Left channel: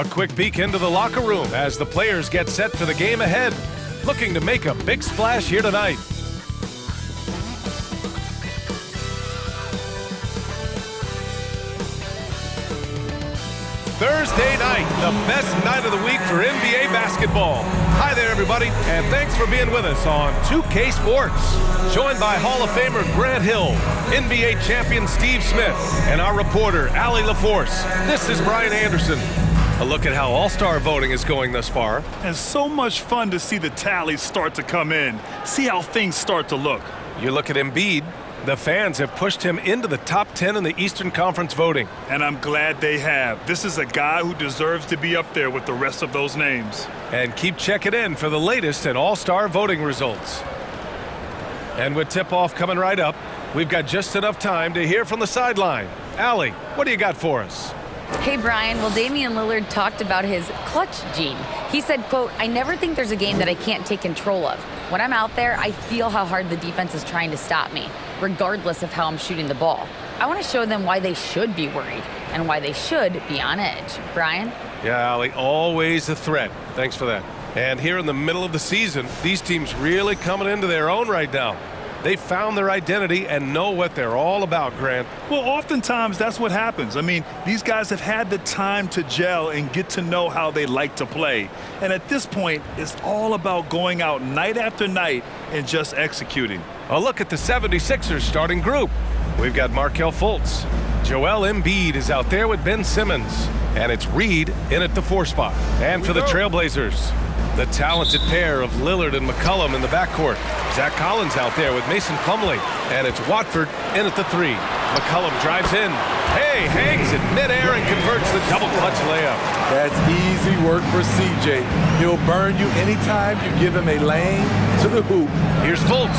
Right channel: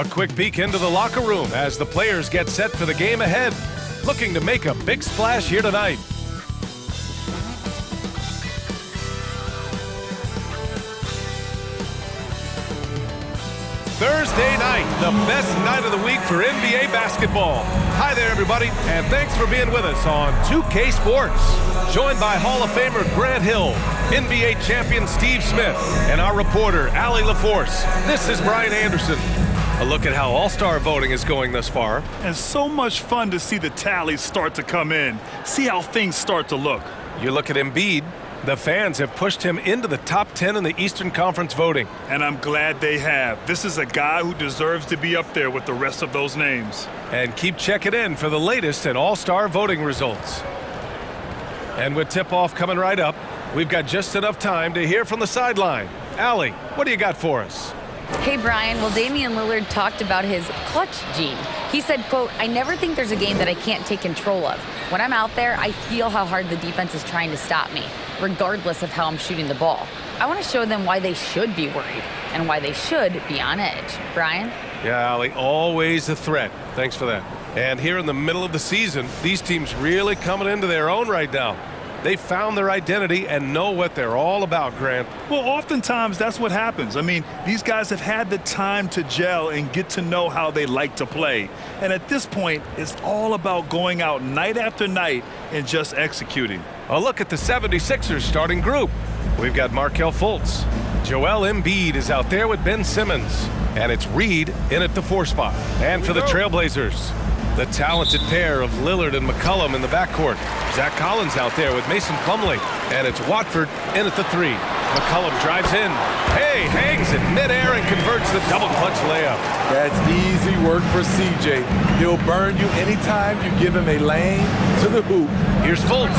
A quick peek into the locker room as the players get set for the game ahead, looking to make a big splash here tonight. Thursday night, the best night of the week for NBA basketball. Hi there, everybody, and thanks for being with us on 2K Sports. Joined by Hall of Famer Grant Hill, NBA champion Steve Smith, and our reporter, Allie LaForce. This is Brian Anderson. A look at how All-Star voting is going thus far. And so much fun to see the tallies start to come in. See how things start to look. You look at Embiid. The fans have pushed him into the top 10 in the Eastern Conference voting. And I'm glad they have. This is a guy who deserves to be up there with the rest of those names. And keep checking in for the latest in All-Star voting results. And with tip-off coming right up, we've got just enough time to hear from the sideline. Allie, what do you got for us? Hey, Brian. Well, Damian Lillard talked about his clutch gene. He said, quote, "I never think there's a game that I can't take control of. When I'm out there, I feel how hard the defense is trying to stop me, regardless of how I'm shooting the ball. I want to show them why they should be worried and why they should be on edge." Brian? Yeah, Allie, always a threat. Thanks for that. And here in the middle of the season, these teams really coming into their own right now. They found their identity and know what they're all about, Grant. Well, oftentimes that's what happens. I mean, these guys have had the time to gel and get to know how they like to play. And at this point, it's all about going out night after night and just executing. A look at the 76ers starting group. We've got Markelle Fultz. Joel Embiid is out there with Ben Simmons. And it's Reed in at the 4 spot. And for the Trailblazers, the talented pair of Lillard and McCollum in the backcourt. Zach Collins out there with Mason Plumlee. And it's Watford in at the 3. McCollum drives in. Hey, hangs it midair and converts the double clutch layup. That's easy work for CJ. He'll burn you anytime you give him a lane to the hoop. Here's Fultz.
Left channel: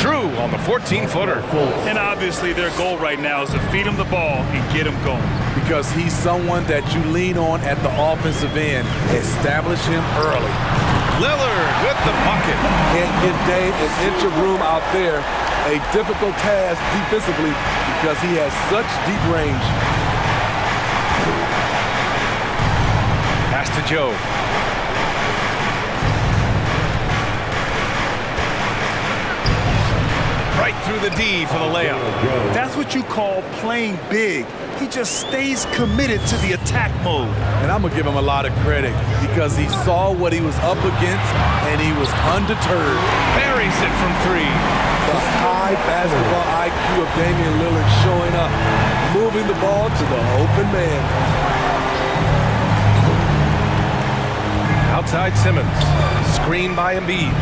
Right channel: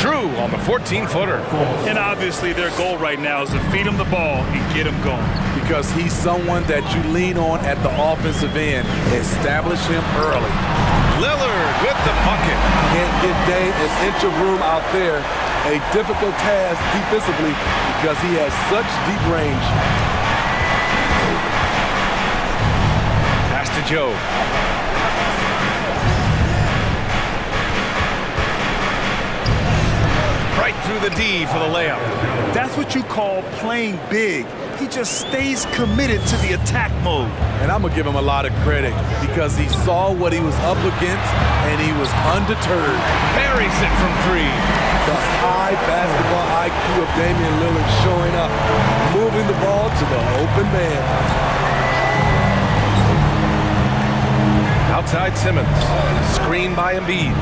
True on the 14-footer. And obviously their goal right now is to feed him the ball and get him going. Because he's someone that you lean on at the offensive end. Establish him early. Lillard with the bucket. Can't give Dame an inch of room out there. A difficult task defensively because he has such deep range. Pass to Joe. Right through the D for the layup. That's what you call playing big. He just stays committed to the attack mode. And I'm going to give him a lot of credit because he saw what he was up against and he was undeterred. Buries it from 3. The high basketball IQ of Damian Lillard showing up, moving the ball to the open man. Outside Simmons, screen by Embiid.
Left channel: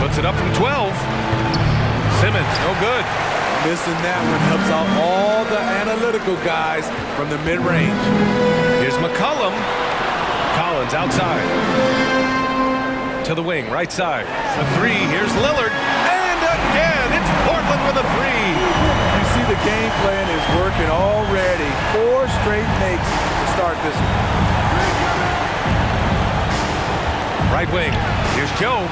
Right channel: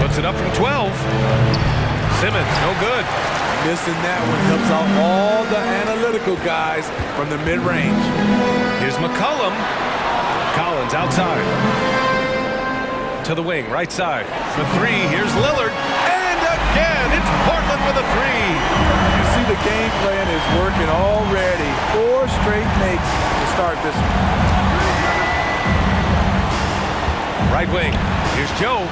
Puts it up from 12. Simmons, no good. Missing that one helps out all the analytical guys from the mid-range. Here's McCollum. Collins outside. To the wing, right side. For 3, here's Lillard. And again, it's Portland with a 3. You see the game plan is working already. 4 straight makes to start this one. Right wing, here's Joe.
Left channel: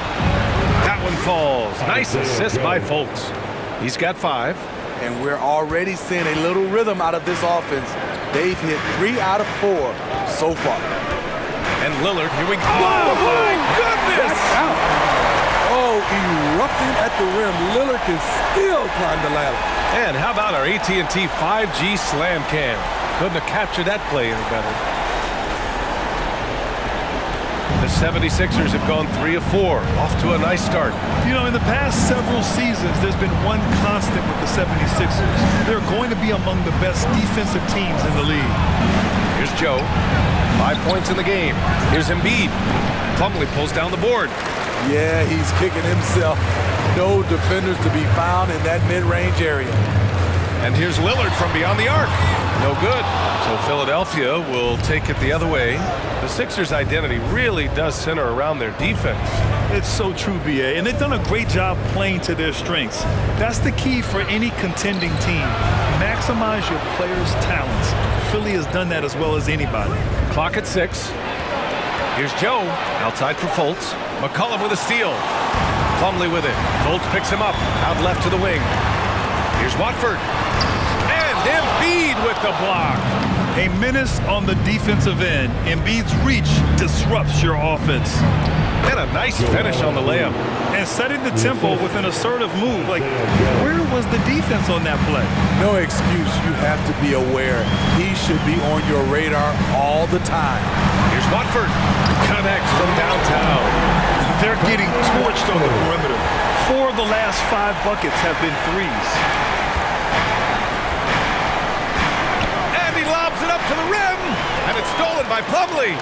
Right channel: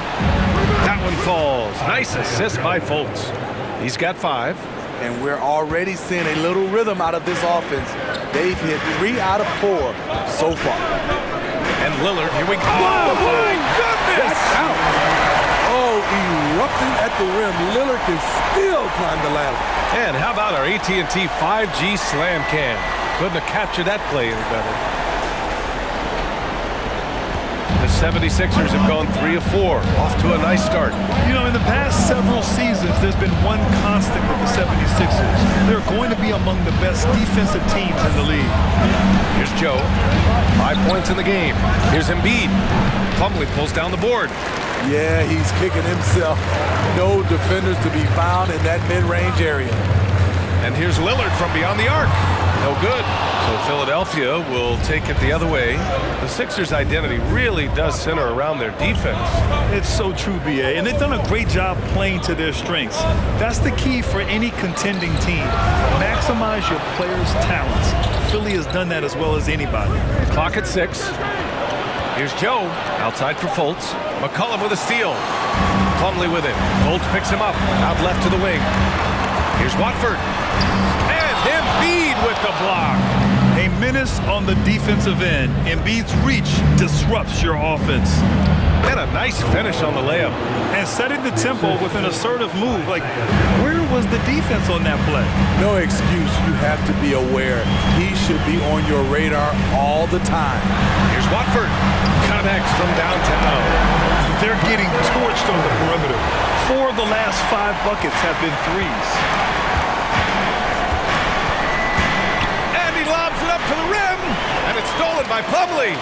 That one falls. Nice assist by Fultz. He's got 5. And we're already seeing a little rhythm out of this offense. They've hit 3 out of 4 so far. And Lillard, here we go. Oh, my goodness! That's out. Oh, erupting at the rim. Lillard can still climb the ladder. And how about our AT&T 5G slam cam? Couldn't have captured that play any better. The 76ers have gone 3 of 4, off to a nice start. You know, in the past several seasons, there's been one constant with the 76ers. They're going to be among the best defensive teams in the league. Here's Joe. 5 points in the game. Here's Embiid. Plumlee pulls down the board. Yeah, he's kicking himself. No defenders to be found in that mid-range area. And here's Lillard from beyond the arc. No good. So Philadelphia will take it the other way. The Sixers' identity really does center around their defense. It's so true, B.A., and they've done a great job playing to their strengths. That's the key for any contending team. Maximize your players' talents. Philly has done that as well as anybody. Clock at 6. Here's Joe, outside for Fultz. McCollum with a steal. Plumlee with it. Fultz picks him up, out left to the wing. Here's Watford. And Embiid with the block. A menace on the defensive end. Embiid's reach disrupts your offense. And a nice finish on the layup. And setting the tempo with an assertive move. Like, where was the defense on that play? No excuse. You have to be aware. He should be on your radar all the time. Here's Watford. Connects from downtown. They're getting torched on the perimeter. 4 of the last 5 buckets have been threes. And he lobs it up to the rim. And it's stolen by Plumlee.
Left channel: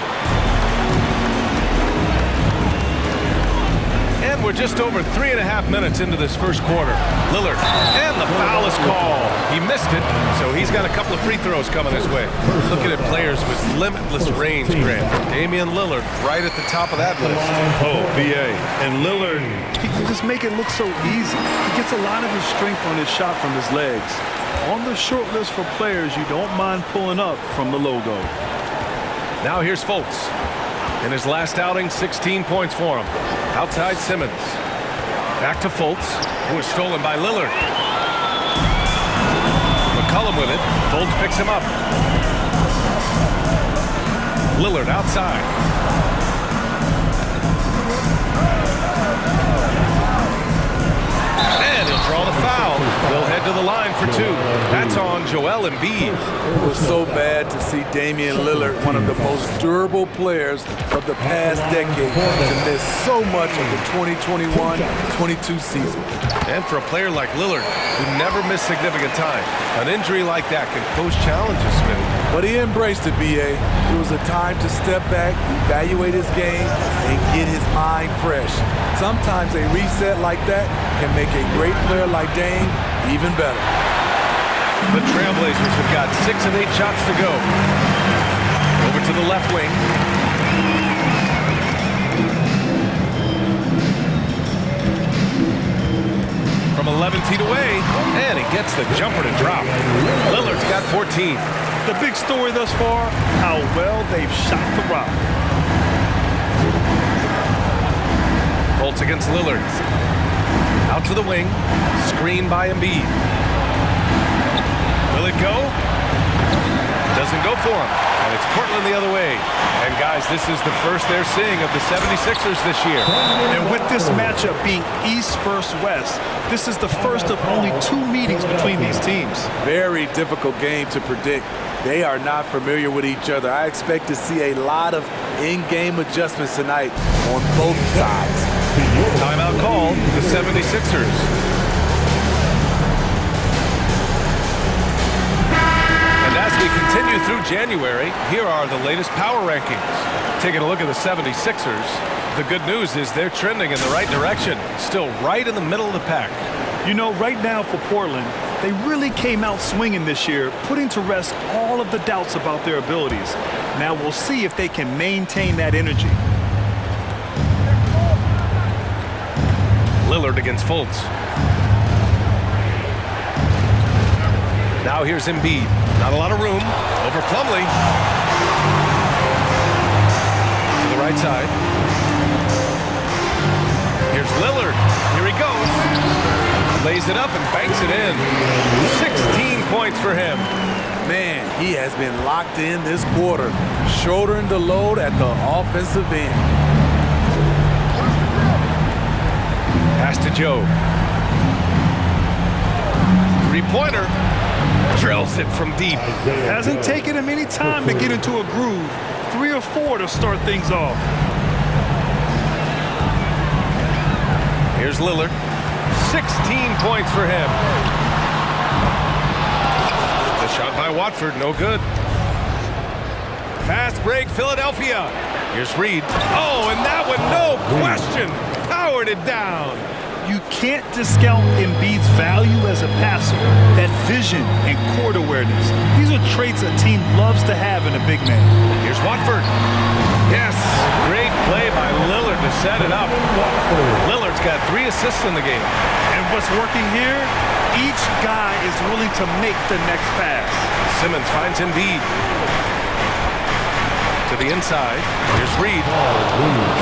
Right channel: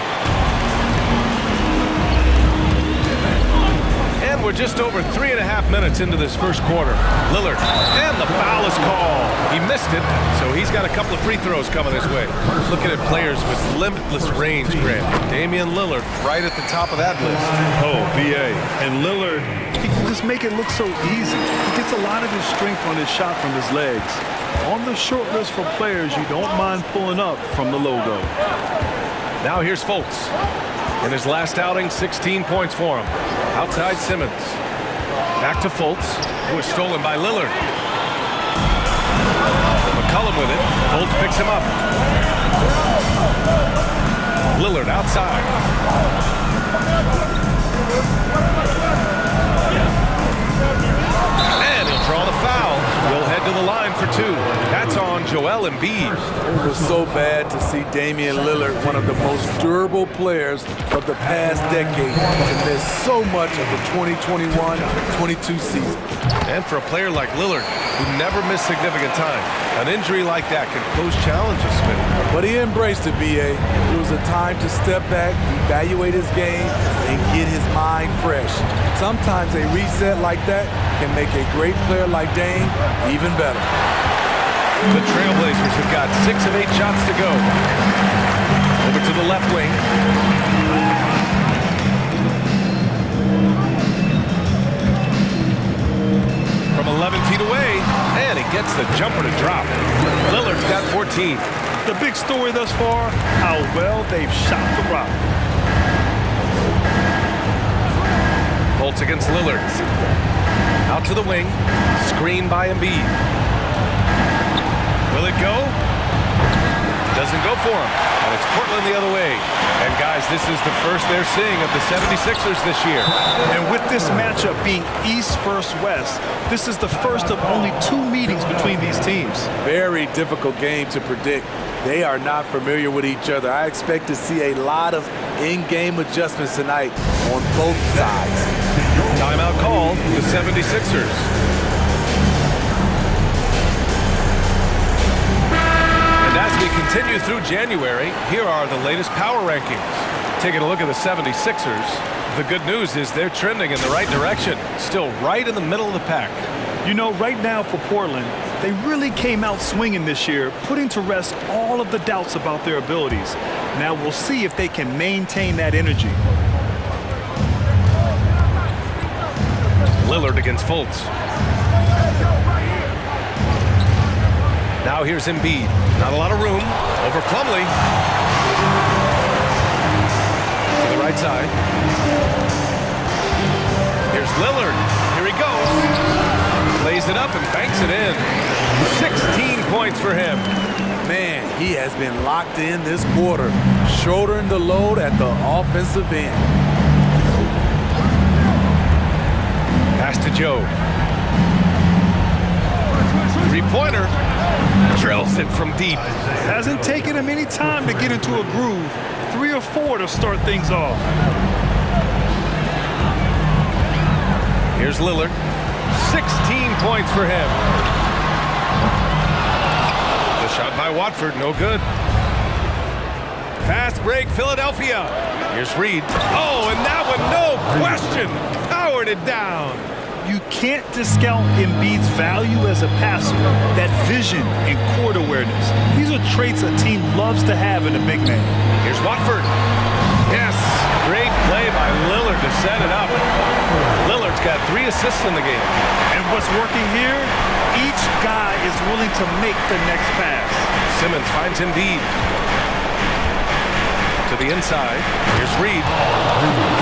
And we're just over 3.5 minutes into this first quarter. Lillard, and the foul is called. He missed it, so he's got a couple of free throws coming his way. Looking at players with limitless range, Grant. Damian Lillard right at the top of that list. Oh, BA. And Lillard, he can just make it look so easy. He gets a lot of his strength on his shot from his legs. On the short list for players you don't mind pulling up from the logo. Now here's Fultz. In his last outing, 16 points for him. Outside Simmons. Back to Fultz, who is stolen by Lillard. McCollum with it. Fultz picks him up. Lillard outside. And he'll draw the foul. He'll head to the line for 2. That's on Joel Embiid. It was so bad to see Damian Lillard, one of the most durable players of the past decade, to miss so much of the 2021-22 season. And for a player like Lillard, who never missed significant time, an injury like that can pose challenges, Smitty. But he embraced it, B.A. It was a time to step back, evaluate his game, and get his mind fresh. Sometimes a reset like that can make a great player like Dame even better. The Trailblazers have got 6 of 8 shots to go. Over to the left wing. From 11 feet away, and he gets the jumper to drop. Lillard's got 14. The big story thus far, how well they've shot the rock. Fultz against Lillard. Out to the wing. Screen by Embiid. Will it go? Doesn't go for him. And it's Portland the other way. And guys, this is the first they're seeing of the 76ers this year. And with this matchup being East versus West, this is the first of only 2 meetings between these teams. Very difficult game to predict. They are not familiar with each other. I expect to see a lot of in-game adjustments tonight on both sides. Timeout called, the 76ers. And as we continue through January, here are the latest power rankings. Taking a look at the 76ers, the good news is they're trending in the right direction, still right in the middle of the pack. You know, right now for Portland, they really came out swinging this year, putting to rest all of the doubts about their abilities. Now we'll see if they can maintain that energy. Lillard against Fultz. Now here's Embiid. Not a lot of room. Over Plumlee. To the right side. Here's Lillard. Here he goes. Lays it up and banks it in. 16 points for him. Man, he has been locked in this quarter, shouldering the load at the offensive end. Pass to Joe. Three-pointer. Drills it from deep. Hasn't taken him any time to get into a groove. 3 or 4 to start things off. Here's Lillard. 16 points for him. The shot by Watford, no good. Fast break, Philadelphia. Here's Reed. Oh, and that one, no question, powered it down. You can't discount Embiid's value as a passer, that vision and court awareness. These are traits a team loves to have in a big man. Here's Watford. Yes, great play by Lillard to set it up. Lillard's got 3 assists in the game. And what's working here? Each guy is willing to make the next pass. Simmons finds Embiid. To the inside. Here's Reed.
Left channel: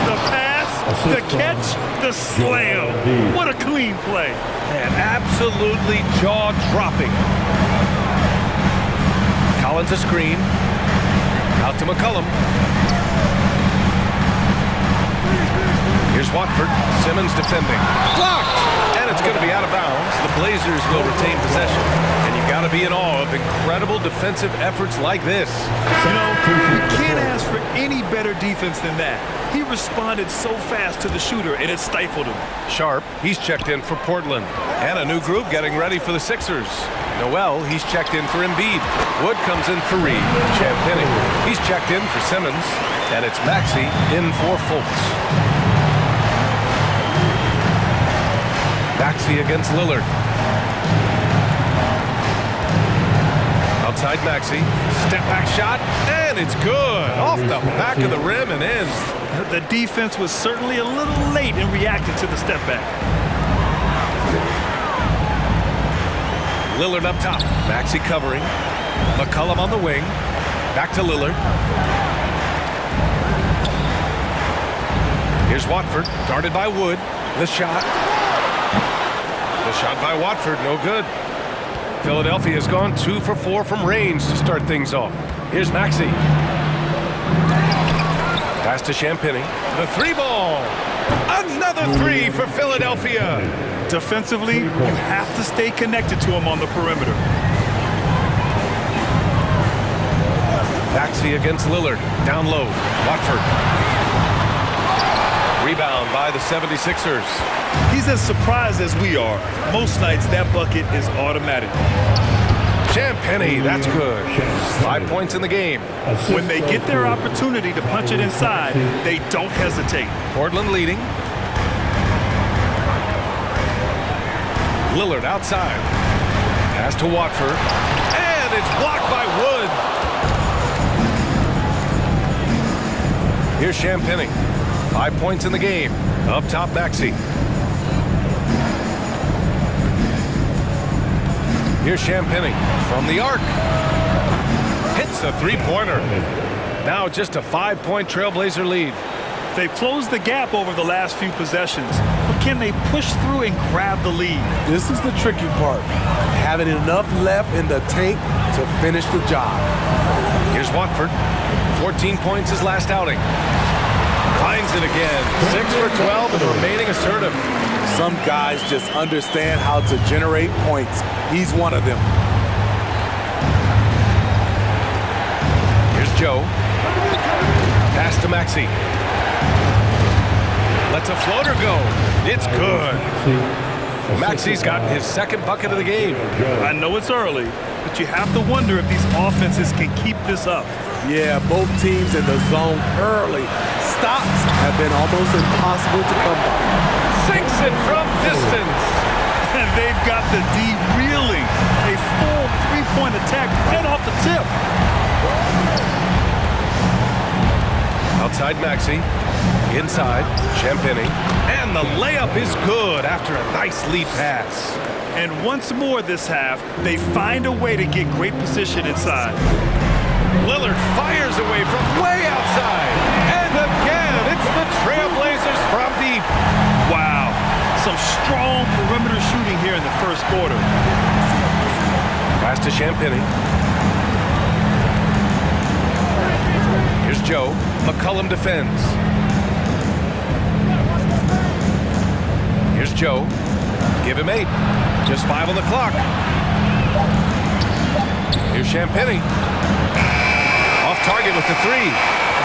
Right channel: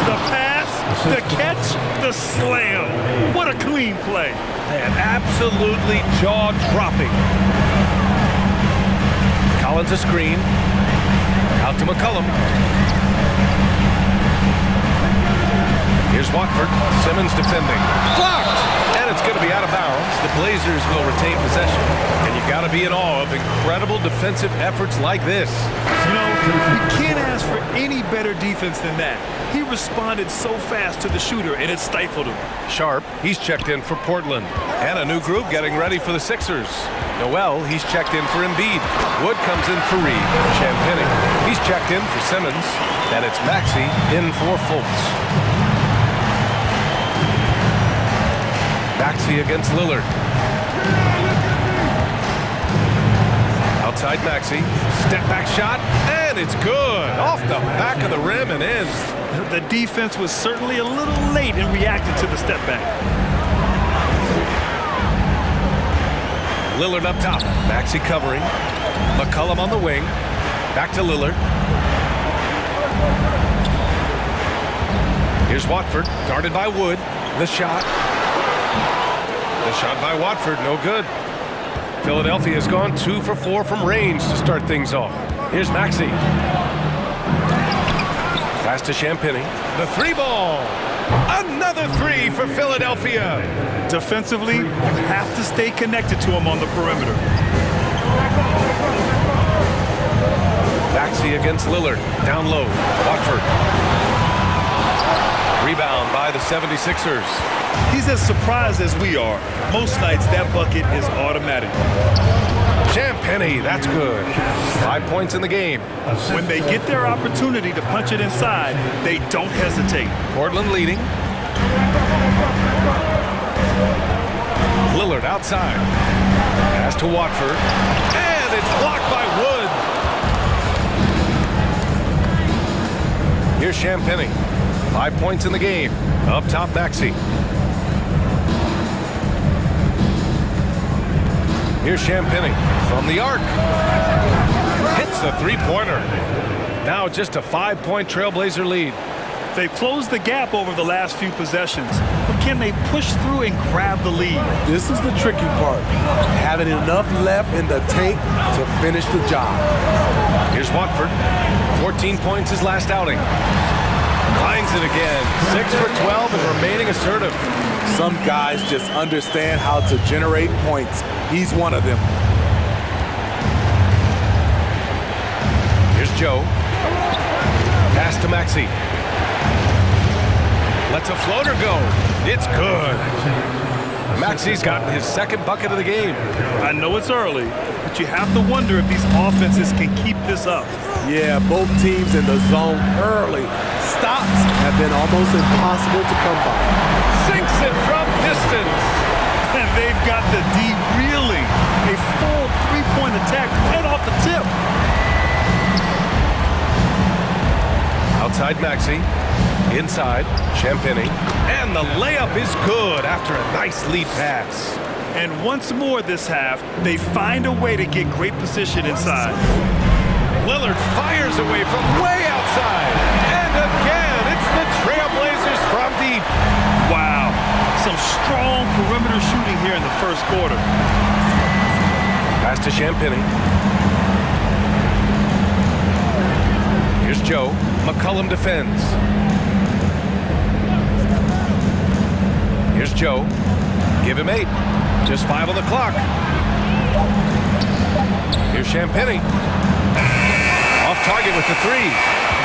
The pass, the catch, the slam. What a clean play. Man, absolutely jaw-dropping. Collins a screen. Out to McCollum. Here's Watford. Simmons defending. Blocked! And it's going to be out of bounds. The Blazers will retain possession. And you got to be in awe of incredible defensive efforts like this. You know, you can't ask for any better defense than that. He responded so fast to the shooter, and it stifled him. Sharp, he's checked in for Portland. And a new group getting ready for the Sixers. Noel, he's checked in for Embiid. Wood comes in for Reed. Champagnie, he's checked in for Simmons. And it's Maxey in for Fultz. Maxey against Lillard. Outside Maxey. Step back shot. And it's good. Off the back of the rim and in. The defense was certainly a little late in reacting to the step back. Lillard up top. Maxey covering. McCollum on the wing. Back to Lillard. Here's Watford. Guarded by Wood. The shot. The shot by Watford, no good. Philadelphia has gone 2 for 4 from range to start things off. Here's Maxey. Pass to Champagnie. The 3-ball. Another 3 for Philadelphia. Defensively, you have to stay connected to him on the perimeter. Maxey against Lillard. Down low. Watford. Rebound by the 76ers. He's as surprised as we are. Most nights, that bucket is automatic. Champagnie, that's good. 5 points in the game. When they get their opportunity to punch it inside, they don't hesitate. Portland leading. Lillard outside. Pass to Watford. And it's blocked by Wood. Here's Champagnie. 5 points in the game. Up top, Maxey. Here's Champagnie from the arc. Hits the three-pointer. Now just a 5-point Trailblazer lead. They've closed the gap over the last few possessions, but can they push through and grab the lead? This is the tricky part. Having enough left in the tank to finish the job. Here's Watford. 14 points his last outing. Finds it again. 6 for 12 and remaining assertive. Some guys just understand how to generate points. He's one of them. Here's Joe. Pass to Maxey. Lets a floater go. It's good. Maxey's gotten his second bucket of the game. I know it's early, but you have to wonder if these offenses can keep this up. Yeah, both teams in the zone early. Stops have been almost impossible to come by. Sinks it from distance. And they've got the D reeling. A full three-point attack right off the tip. Outside Maxey. Inside, Champagnie. And the layup is good after a nice lead pass. And once more this half, they find a way to get great position inside. Lillard fires away from way outside. And again, it's the Trailblazers from deep. Wow, some strong perimeter shooting here in the first quarter. Pass to Champagnie. Here's Joe. McCollum defends. Here's Joe. Give him 8. Just 5 on the clock. Here's Champagnie. Off target with the 3.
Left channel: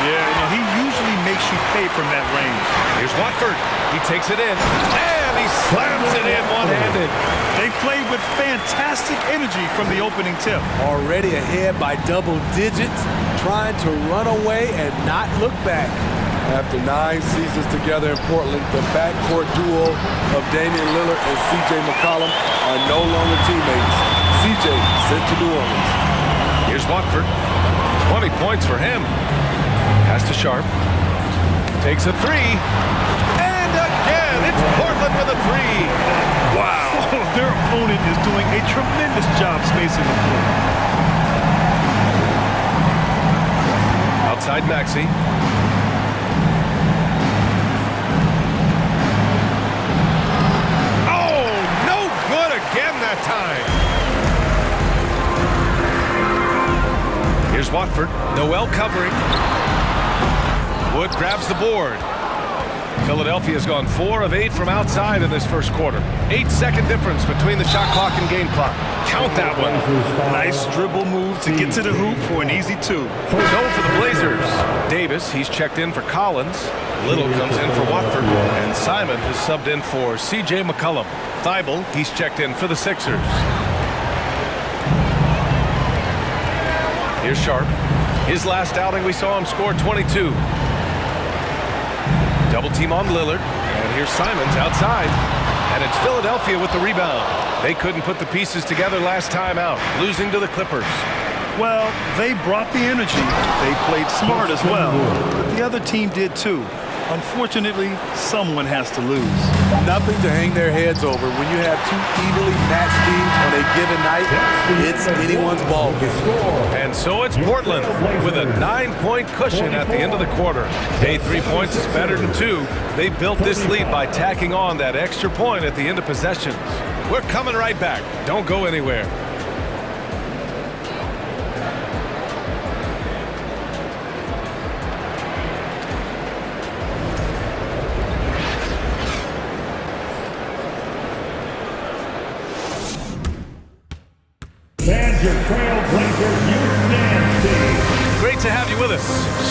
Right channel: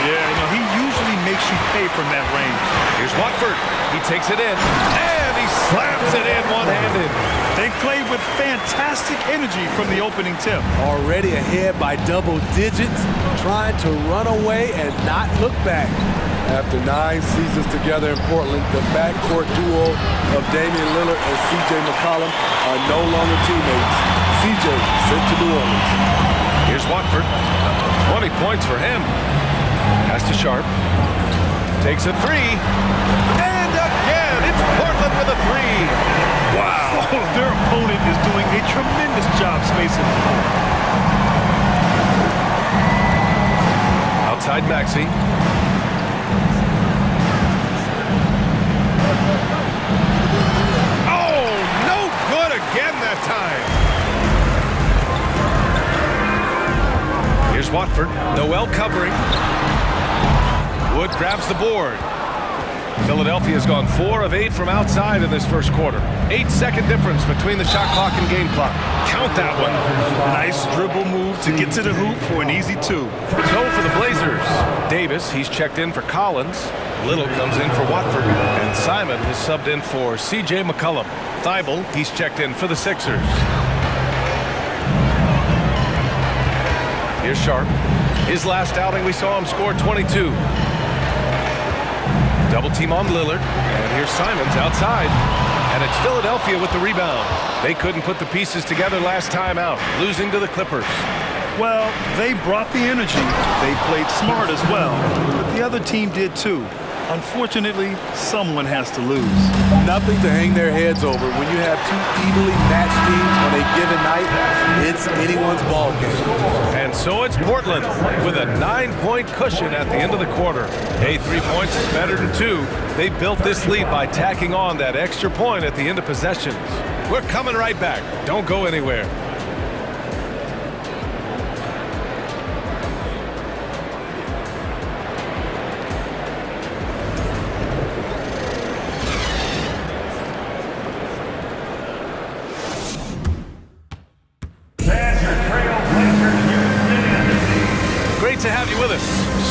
Yeah, you know, he usually makes you pay from that range. Here's Watford. He takes it in. And he slams it in one-handed. They played with fantastic energy from the opening tip. Already ahead by double digits, trying to run away and not look back. After 9 seasons together in Portland, the backcourt duo of Damian Lillard and C.J. McCollum are no longer teammates. C.J. sent to New Orleans. Here's Watford. 20 points for him. Pass to Sharp. Takes a 3. And again, it's Portland with a 3. Wow, their opponent is doing a tremendous job spacing the floor. Outside Maxey. Oh, no good again that time. Here's Watford. Noel covering. Wood grabs the board. Philadelphia's gone 4 of 8 from outside in this first quarter. 8-second difference between the shot clock and game clock. Count that one. Nice dribble move to get to the hoop for an easy 2. So for the Blazers, Davis, he's checked in for Collins. Little comes in for Watford. And Simon has subbed in for C.J. McCollum. Thibault, he's checked in for the Sixers. Here's Sharp. His last outing, we saw him score 22. Double team on Lillard. And here's Simons outside. And it's Philadelphia with the rebound. They couldn't put the pieces together last time out, losing to the Clippers. Well, they brought the energy. They played smart as well. But the other team did too. Unfortunately, someone has to lose. Nothing to hang their heads over. When you have 2 evenly matched teams on a given night, it's anyone's ball game. And so it's Portland with a 9-point cushion at the end of the quarter. Hey, 3 points is better than 2. They built this lead by tacking on that extra point at the end of possessions. We're coming right back. Don't go anywhere. Great to have you with us.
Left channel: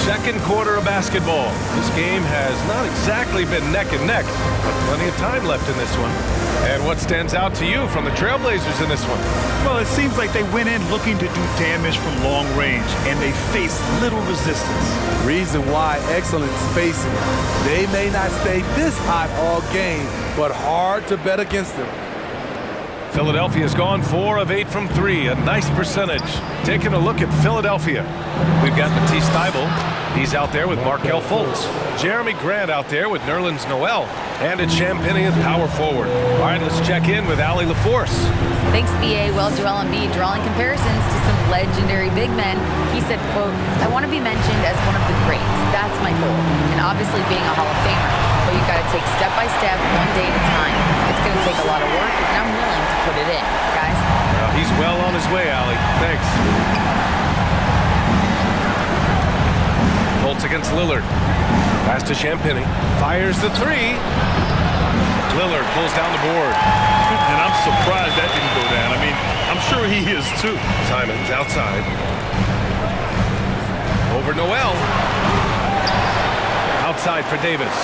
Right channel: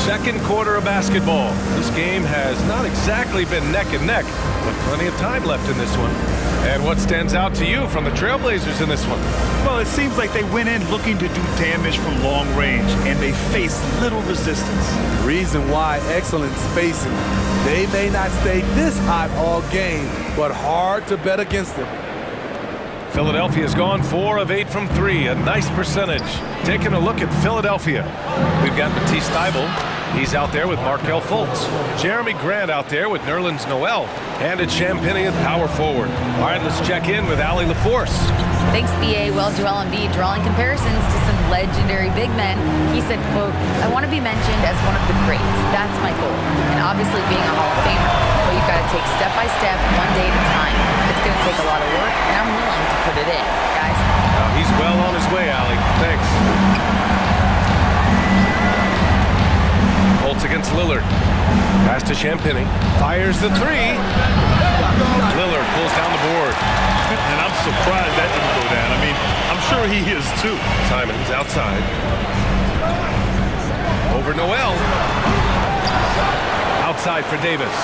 Second quarter of basketball. This game has not exactly been neck and neck, but plenty of time left in this one. And what stands out to you from the Trailblazers in this one? Well, it seems like they went in looking to do damage from long range, and they faced little resistance. Reason why, excellent spacing. They may not stay this hot all game, but hard to bet against them. Philadelphia's gone 4 of 8 from 3, a nice percentage. Taking a look at Philadelphia. We've got Matisse Thybulle. He's out there with Markelle Fultz. Jeremy Grant out there with Nerlens Noel. And it's Champagnie at power forward. All right, let's check in with Allie LaForce. Thanks, BA. Well, Joel Embiid drawing comparisons to some legendary big men. He said, quote, "I want to be mentioned as one of the greats. That's my goal. And obviously being a Hall of Famer. But you've got to take step by step, one day at a time. It's going to take a lot of work, and I'm willing to put it in, guys." He's well on his way, Allie. Thanks. Fultz against Lillard. Pass to Champagnie. Fires the 3. Lillard pulls down the board. And I'm surprised that didn't go down. I mean, I'm sure he is too. Simons outside. Over Noel. Outside for Davis.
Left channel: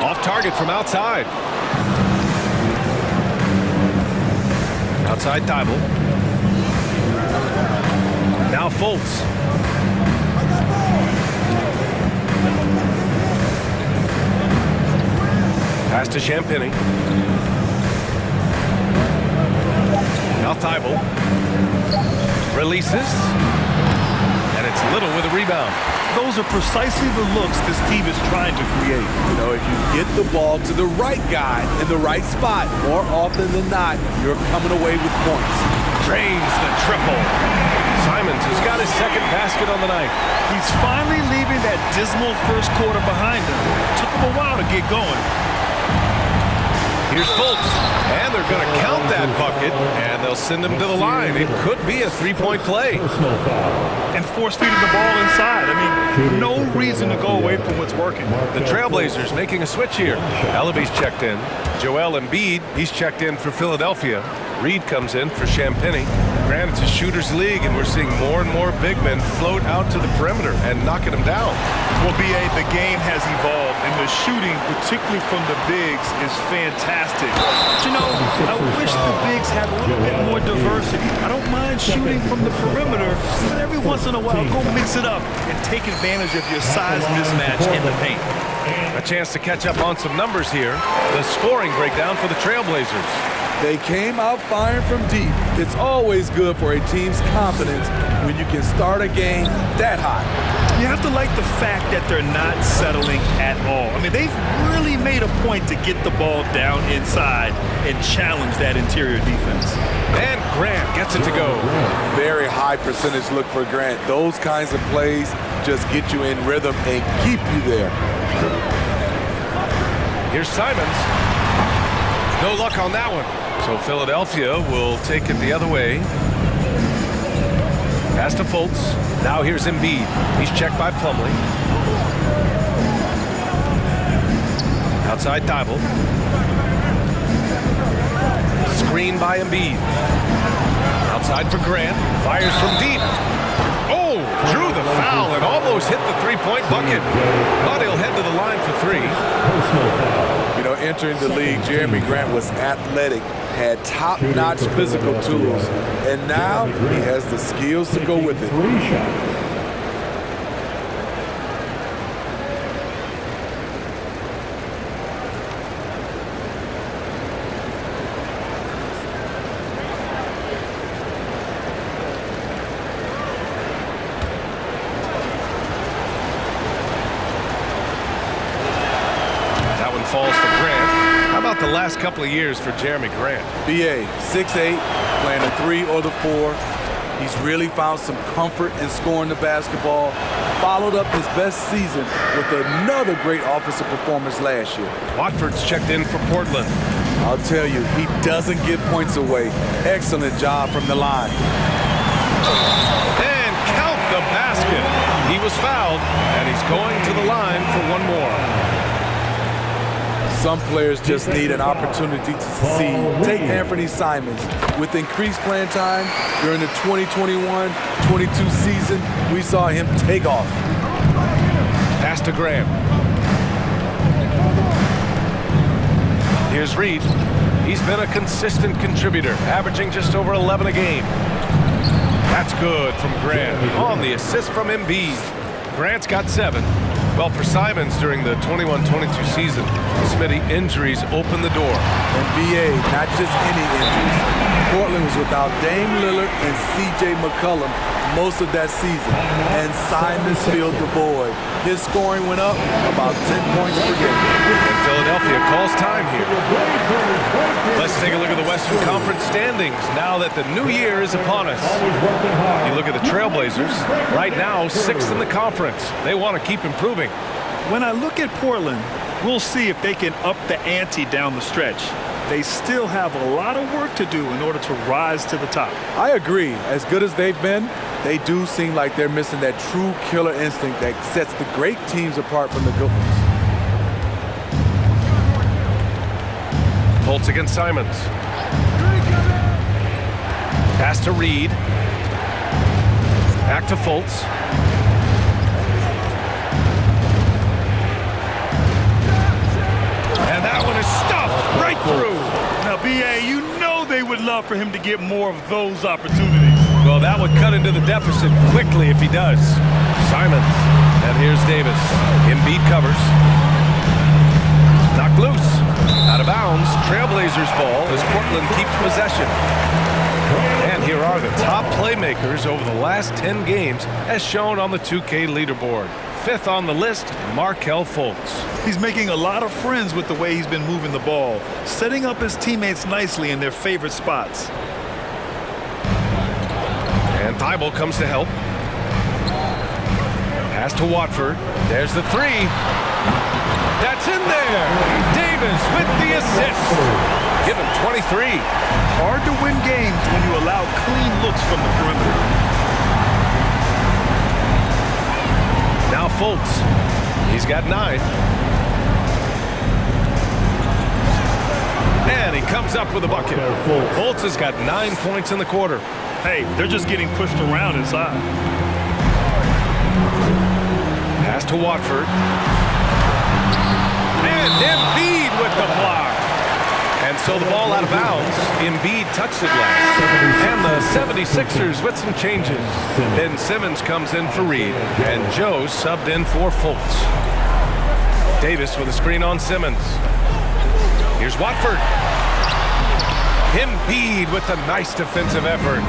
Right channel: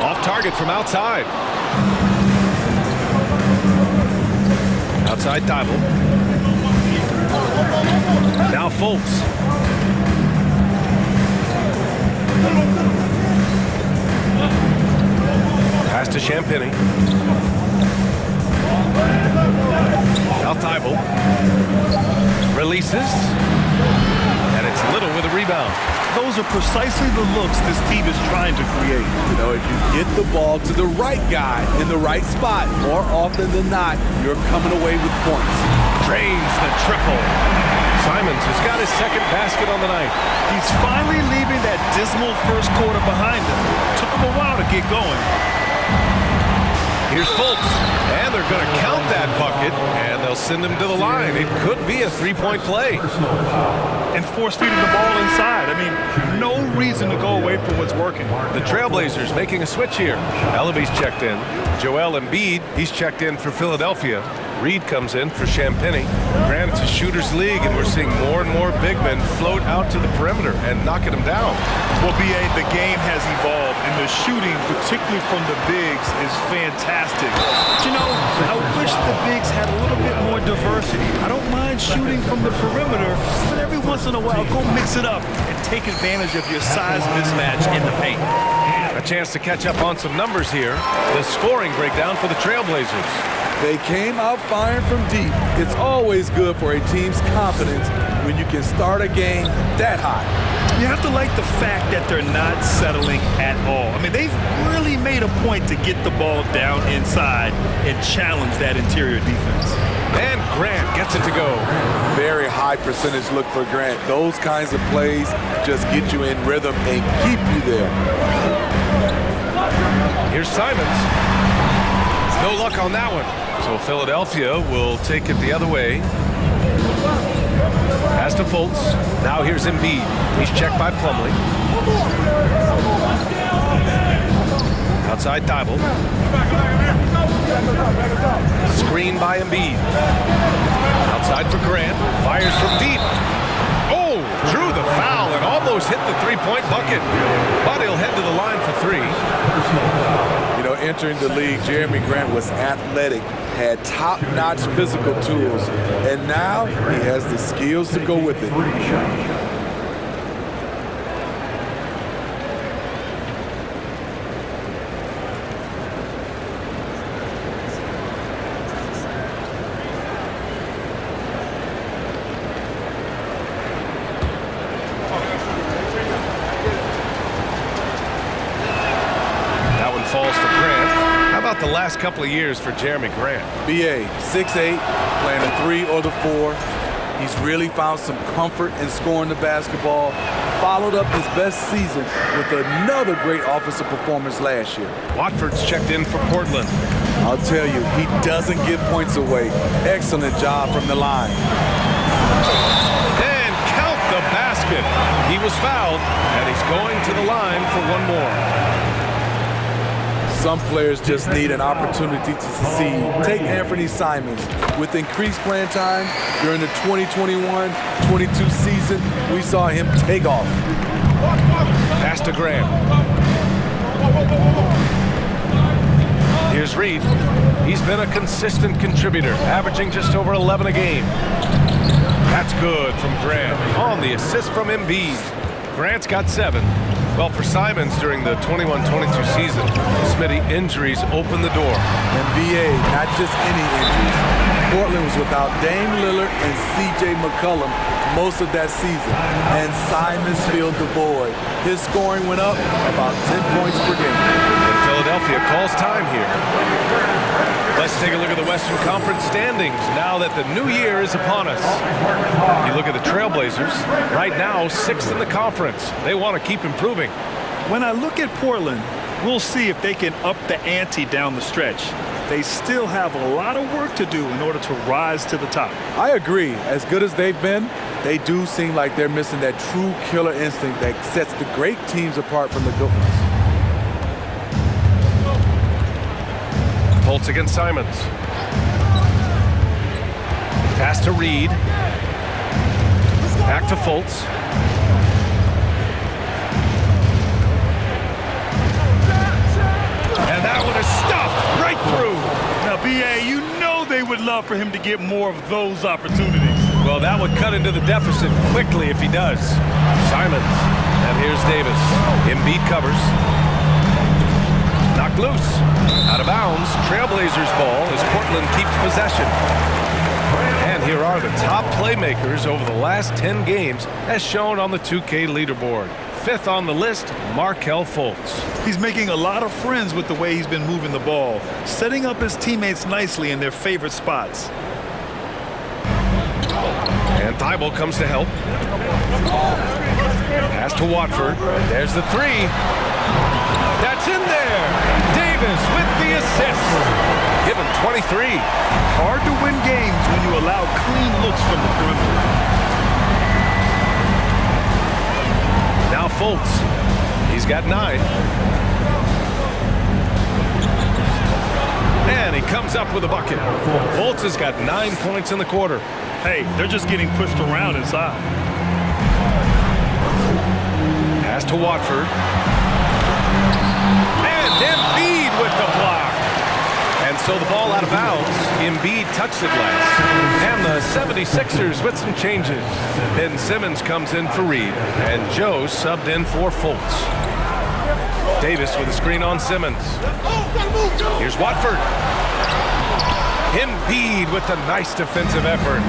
Off target from outside. Outside Thybulle. Now Fultz. Pass to Champagnie. Now Thybulle. Releases. And it's Little with a rebound. Those are precisely the looks this team is trying to create. You know, if you get the ball to the right guy in the right spot, more often than not, you're coming away with points. Drains the triple. Simons has got his second basket on the night. He's finally leaving that dismal first quarter behind him. Took him a while to get going. Here's Fultz, and they're going to count that bucket, and they'll send him to the line. It could be a 3-point play. And force-feeding the ball inside. I mean, no reason to go away from what's working. The Trailblazers making a switch here. Ellaby's checked in. Joel Embiid, he's checked in for Philadelphia. Reed comes in for Champagnie. Granted, it's a shooter's league, and we're seeing more and more big men float out to the perimeter and knocking them down. Well, B.A., the game has evolved, and the shooting, particularly from the bigs, is fantastic. But, you know, I wish the bigs had a little bit more diversity. I don't mind shooting from the perimeter, but every once in a while, go mix it up and take advantage of your size mismatch in the paint. A chance to catch up on some numbers here. The scoring breakdown for the Trailblazers. They came out firing from deep. It's always good for a team's confidence when you can start a game that hot. You have to like the fact that they're not settling at all. I mean, they've really made a point to get the ball down inside and challenge that interior defense. And Grant gets it to go. Very high percentage look for Grant. Those kinds of plays just get you in rhythm and keep you there. Here's Simons. No luck on that one. So Philadelphia will take it the other way. Pass to Fultz. Now here's Embiid. He's checked by Plumlee. Outside Thibault. Screen by Embiid. Outside for Grant. Fires from deep. Oh, drew the foul and almost hit the three-point bucket. But he'll head to the line for three. You know, entering the league, Jeremy Grant was athletic, had top-notch physical tools, and now he has the skills to go with it. Falls for Grant. How about the last couple of years for Jeremy Grant? BA, 6'8", playing the 3 or the 4. He's really found some comfort in scoring the basketball. Followed up his best season with another great offensive performance last year. Watford's checked in for Portland. I'll tell you, he doesn't give points away. Excellent job from the line. And count the basket. He was fouled, and he's going to the line for one more. Some players just need an opportunity to succeed. Take Anthony Simons. With increased playing time during the 2021-22 season, we saw him take off. Pass to Graham. Here's Reed. He's been a consistent contributor, averaging just over 11 a game. That's good from Grant on the assist from Embiid. Grant's got 7. Well, for Simons during the 21-22 season, Smitty, injuries opened the door. And BA, not just any injuries. Portland was without Dame Lillard and CJ McCollum most of that season, and Simons filled the void. His scoring went up about 10 points per game. And Philadelphia calls time here. Let's take a look at the Western Conference standings now that the new year is upon us. You look at the Trailblazers, right now 6th in the conference. They want to keep improving. When I look at Portland, we'll see if they can up the ante down the stretch. They still have a lot of work to do in order to rise to the top. I agree. As good as they've been, they do seem like they're missing that true killer instinct that sets the great teams apart from the good ones. Fultz against Simons. Pass to Reed. Back to Fultz. And that one is stuffed right through. Now, BA, you know they would love for him to get more of those opportunities. Well, that would cut into the deficit quickly if he does. Simons. And here's Davis. Embiid covers. Knocked loose. Out of bounds. Trailblazers ball as Portland keeps possession. And here are the top playmakers over the last 10 games as shown on the 2K leaderboard. 5th on the list, Markelle Fultz. He's making a lot of friends with the way he's been moving the ball, setting up his teammates nicely in their favorite spots. And Thibault comes to help. Pass to Watford. There's the 3. That's in there. Davis with the assist. Give him 23. Hard to win games when you allow clean looks from the perimeter. Now Fultz. He's got 9. And he comes up with a bucket. Fultz has got 9 points in the quarter. Hey, they're just getting pushed around inside. Pass to Watford. And Embiid with the block. And so the ball out of bounds. Embiid touched it last. And the 76ers with some changes. Ben Simmons comes in for Reed. And Joe subbed in for Fultz. Davis with a screen on Simmons. Here's Watford. Embiid with the nice defensive effort.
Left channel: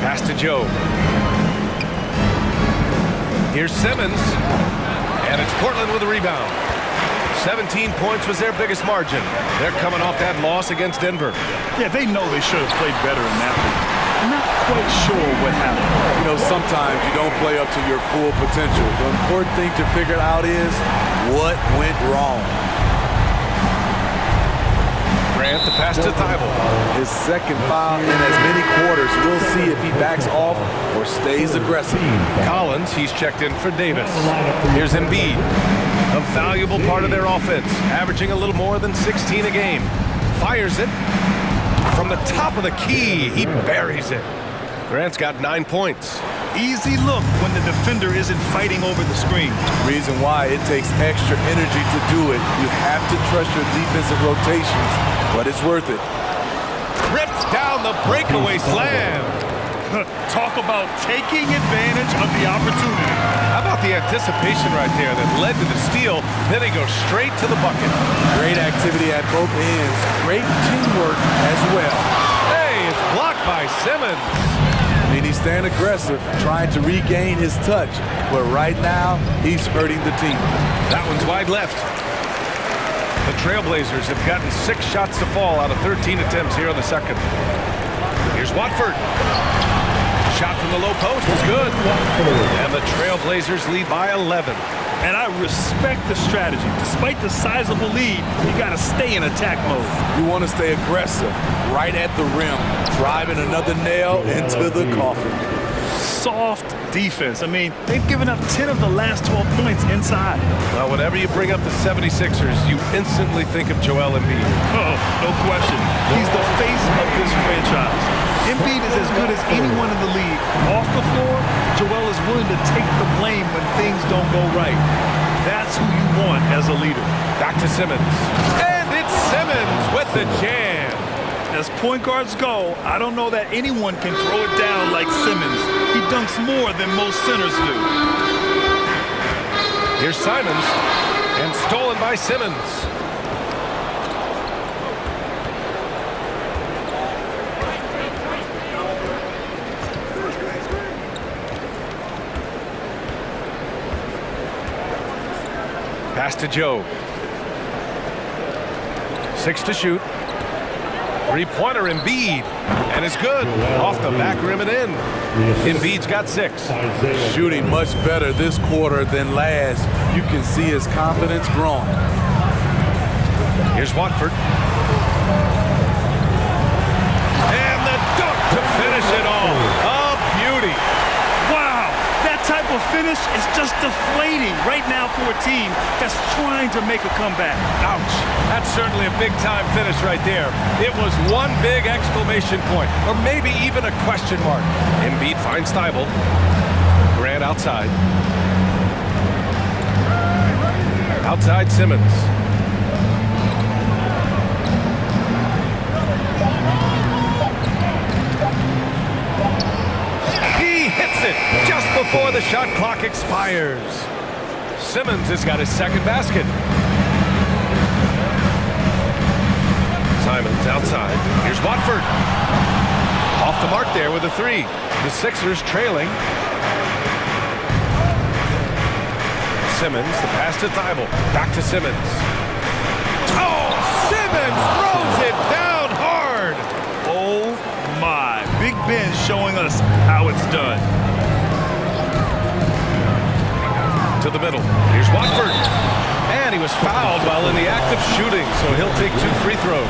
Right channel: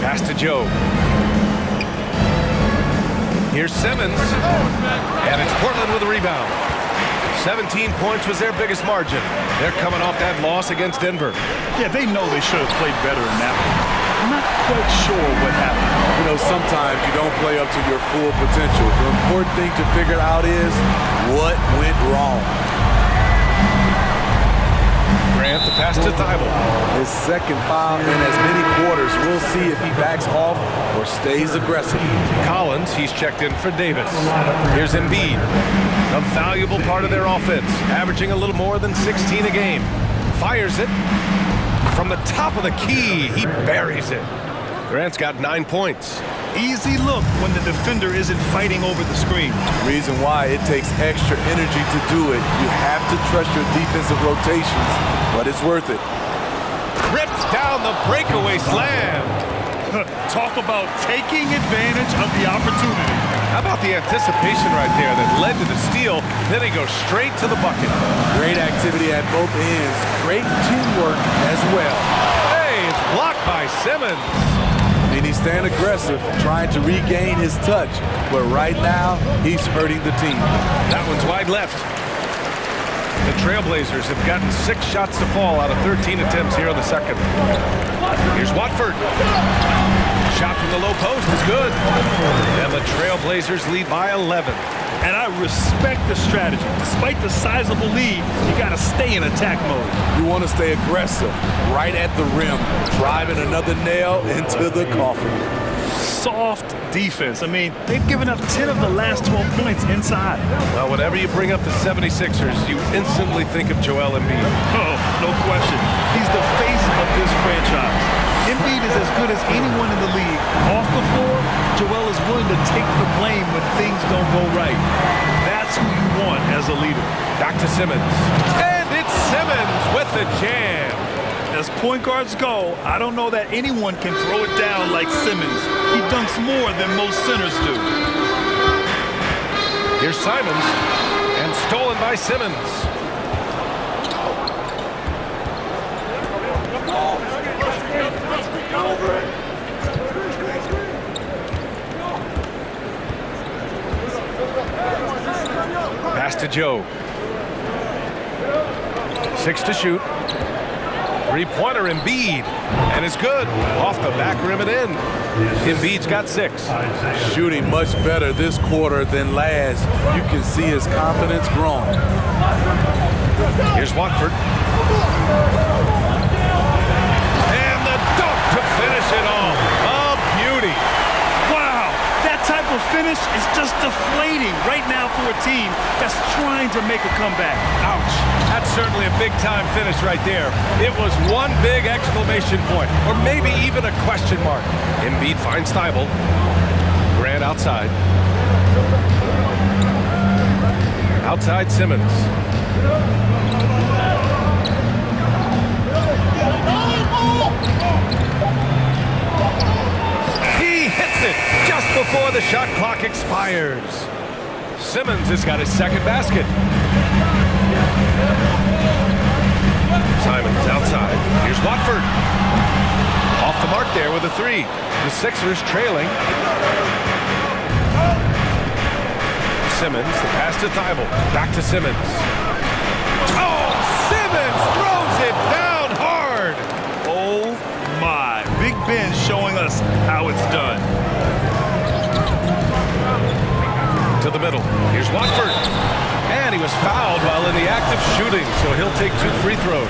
Pass to Joe. Here's Simmons. And it's Portland with a rebound. 17 points was their biggest margin. They're coming off that loss against Denver. Yeah, they know they should have played better in that one. Not quite sure what happened. You know, sometimes you don't play up to your full potential. The important thing to figure out is what went wrong. Grant, the pass to Thibault. His second foul in as many quarters. We'll see if he backs off or stays aggressive. Collins, he's checked in for Davis. Here's Embiid, a valuable part of their offense, averaging a little more than 16 a game. Fires it from the top of the key. He buries it. Grant's got 9 points. Easy look when the defender isn't fighting over the screen. Reason why it takes extra energy to do it. You have to trust your defensive rotations, but it's worth it. Rips down the breakaway slam. Talk about taking advantage of the opportunity. How about the anticipation right there that led to the steal? Then he goes straight to the bucket. Great activity at both ends. Great teamwork as well. Hey, it's blocked by Simmons. I mean, he's staying aggressive, trying to regain his touch. But right now, he's hurting the team. That one's wide left. The Trailblazers have gotten 6 shots to fall out of 13 attempts here in the second. Here's Watford. Shot from the low post is good. And the Trailblazers lead by 11. And I respect the strategy. Despite the sizable lead, you got to stay in attack mode. You want to stay aggressive, right at the rim, driving another nail into the coffin. Soft defense. I mean, they've given up 10 of the last 12 points inside. Well, whenever you bring up the 76ers, you instantly think of Joel Embiid. Oh, no question. He's the face of this franchise. Embiid is as good as anyone in the league. Off the floor, Joel is willing to take the blame when things don't go right. That's who you want as a leader. Back to Simmons. And it's Simmons with the jam. As point guards go, I don't know that anyone can throw it down like Simmons. He dunks more than most centers do. Here's Simons, and stolen by Simmons. Pass to Joe. 6 to shoot. Three-pointer Embiid, and it's good. Off the back rim and in. Embiid's got 6. Shooting much better this quarter than last. You can see his confidence growing. Here's Watford. And the dunk to finish it off. A beauty. Wow, that type of finish is just deflating right now for a team that's trying to make a comeback. Ouch. That's certainly a big-time finish right there. It was one big exclamation point, or maybe even a question mark. Embiid finds Thibault. Grant outside. Outside Simmons. He hits it just before the shot clock expires. Simmons has got his second basket. Simons outside. Here's Watford. Off the mark there with a 3. The Sixers trailing. Simmons, the pass to Thibault. Back to Simmons. Oh, Simmons throws it down hard. Oh my, Big Ben showing us how it's done. To the middle. Here's Watford. And he was fouled while in the act of shooting, so he'll take 2 free throws.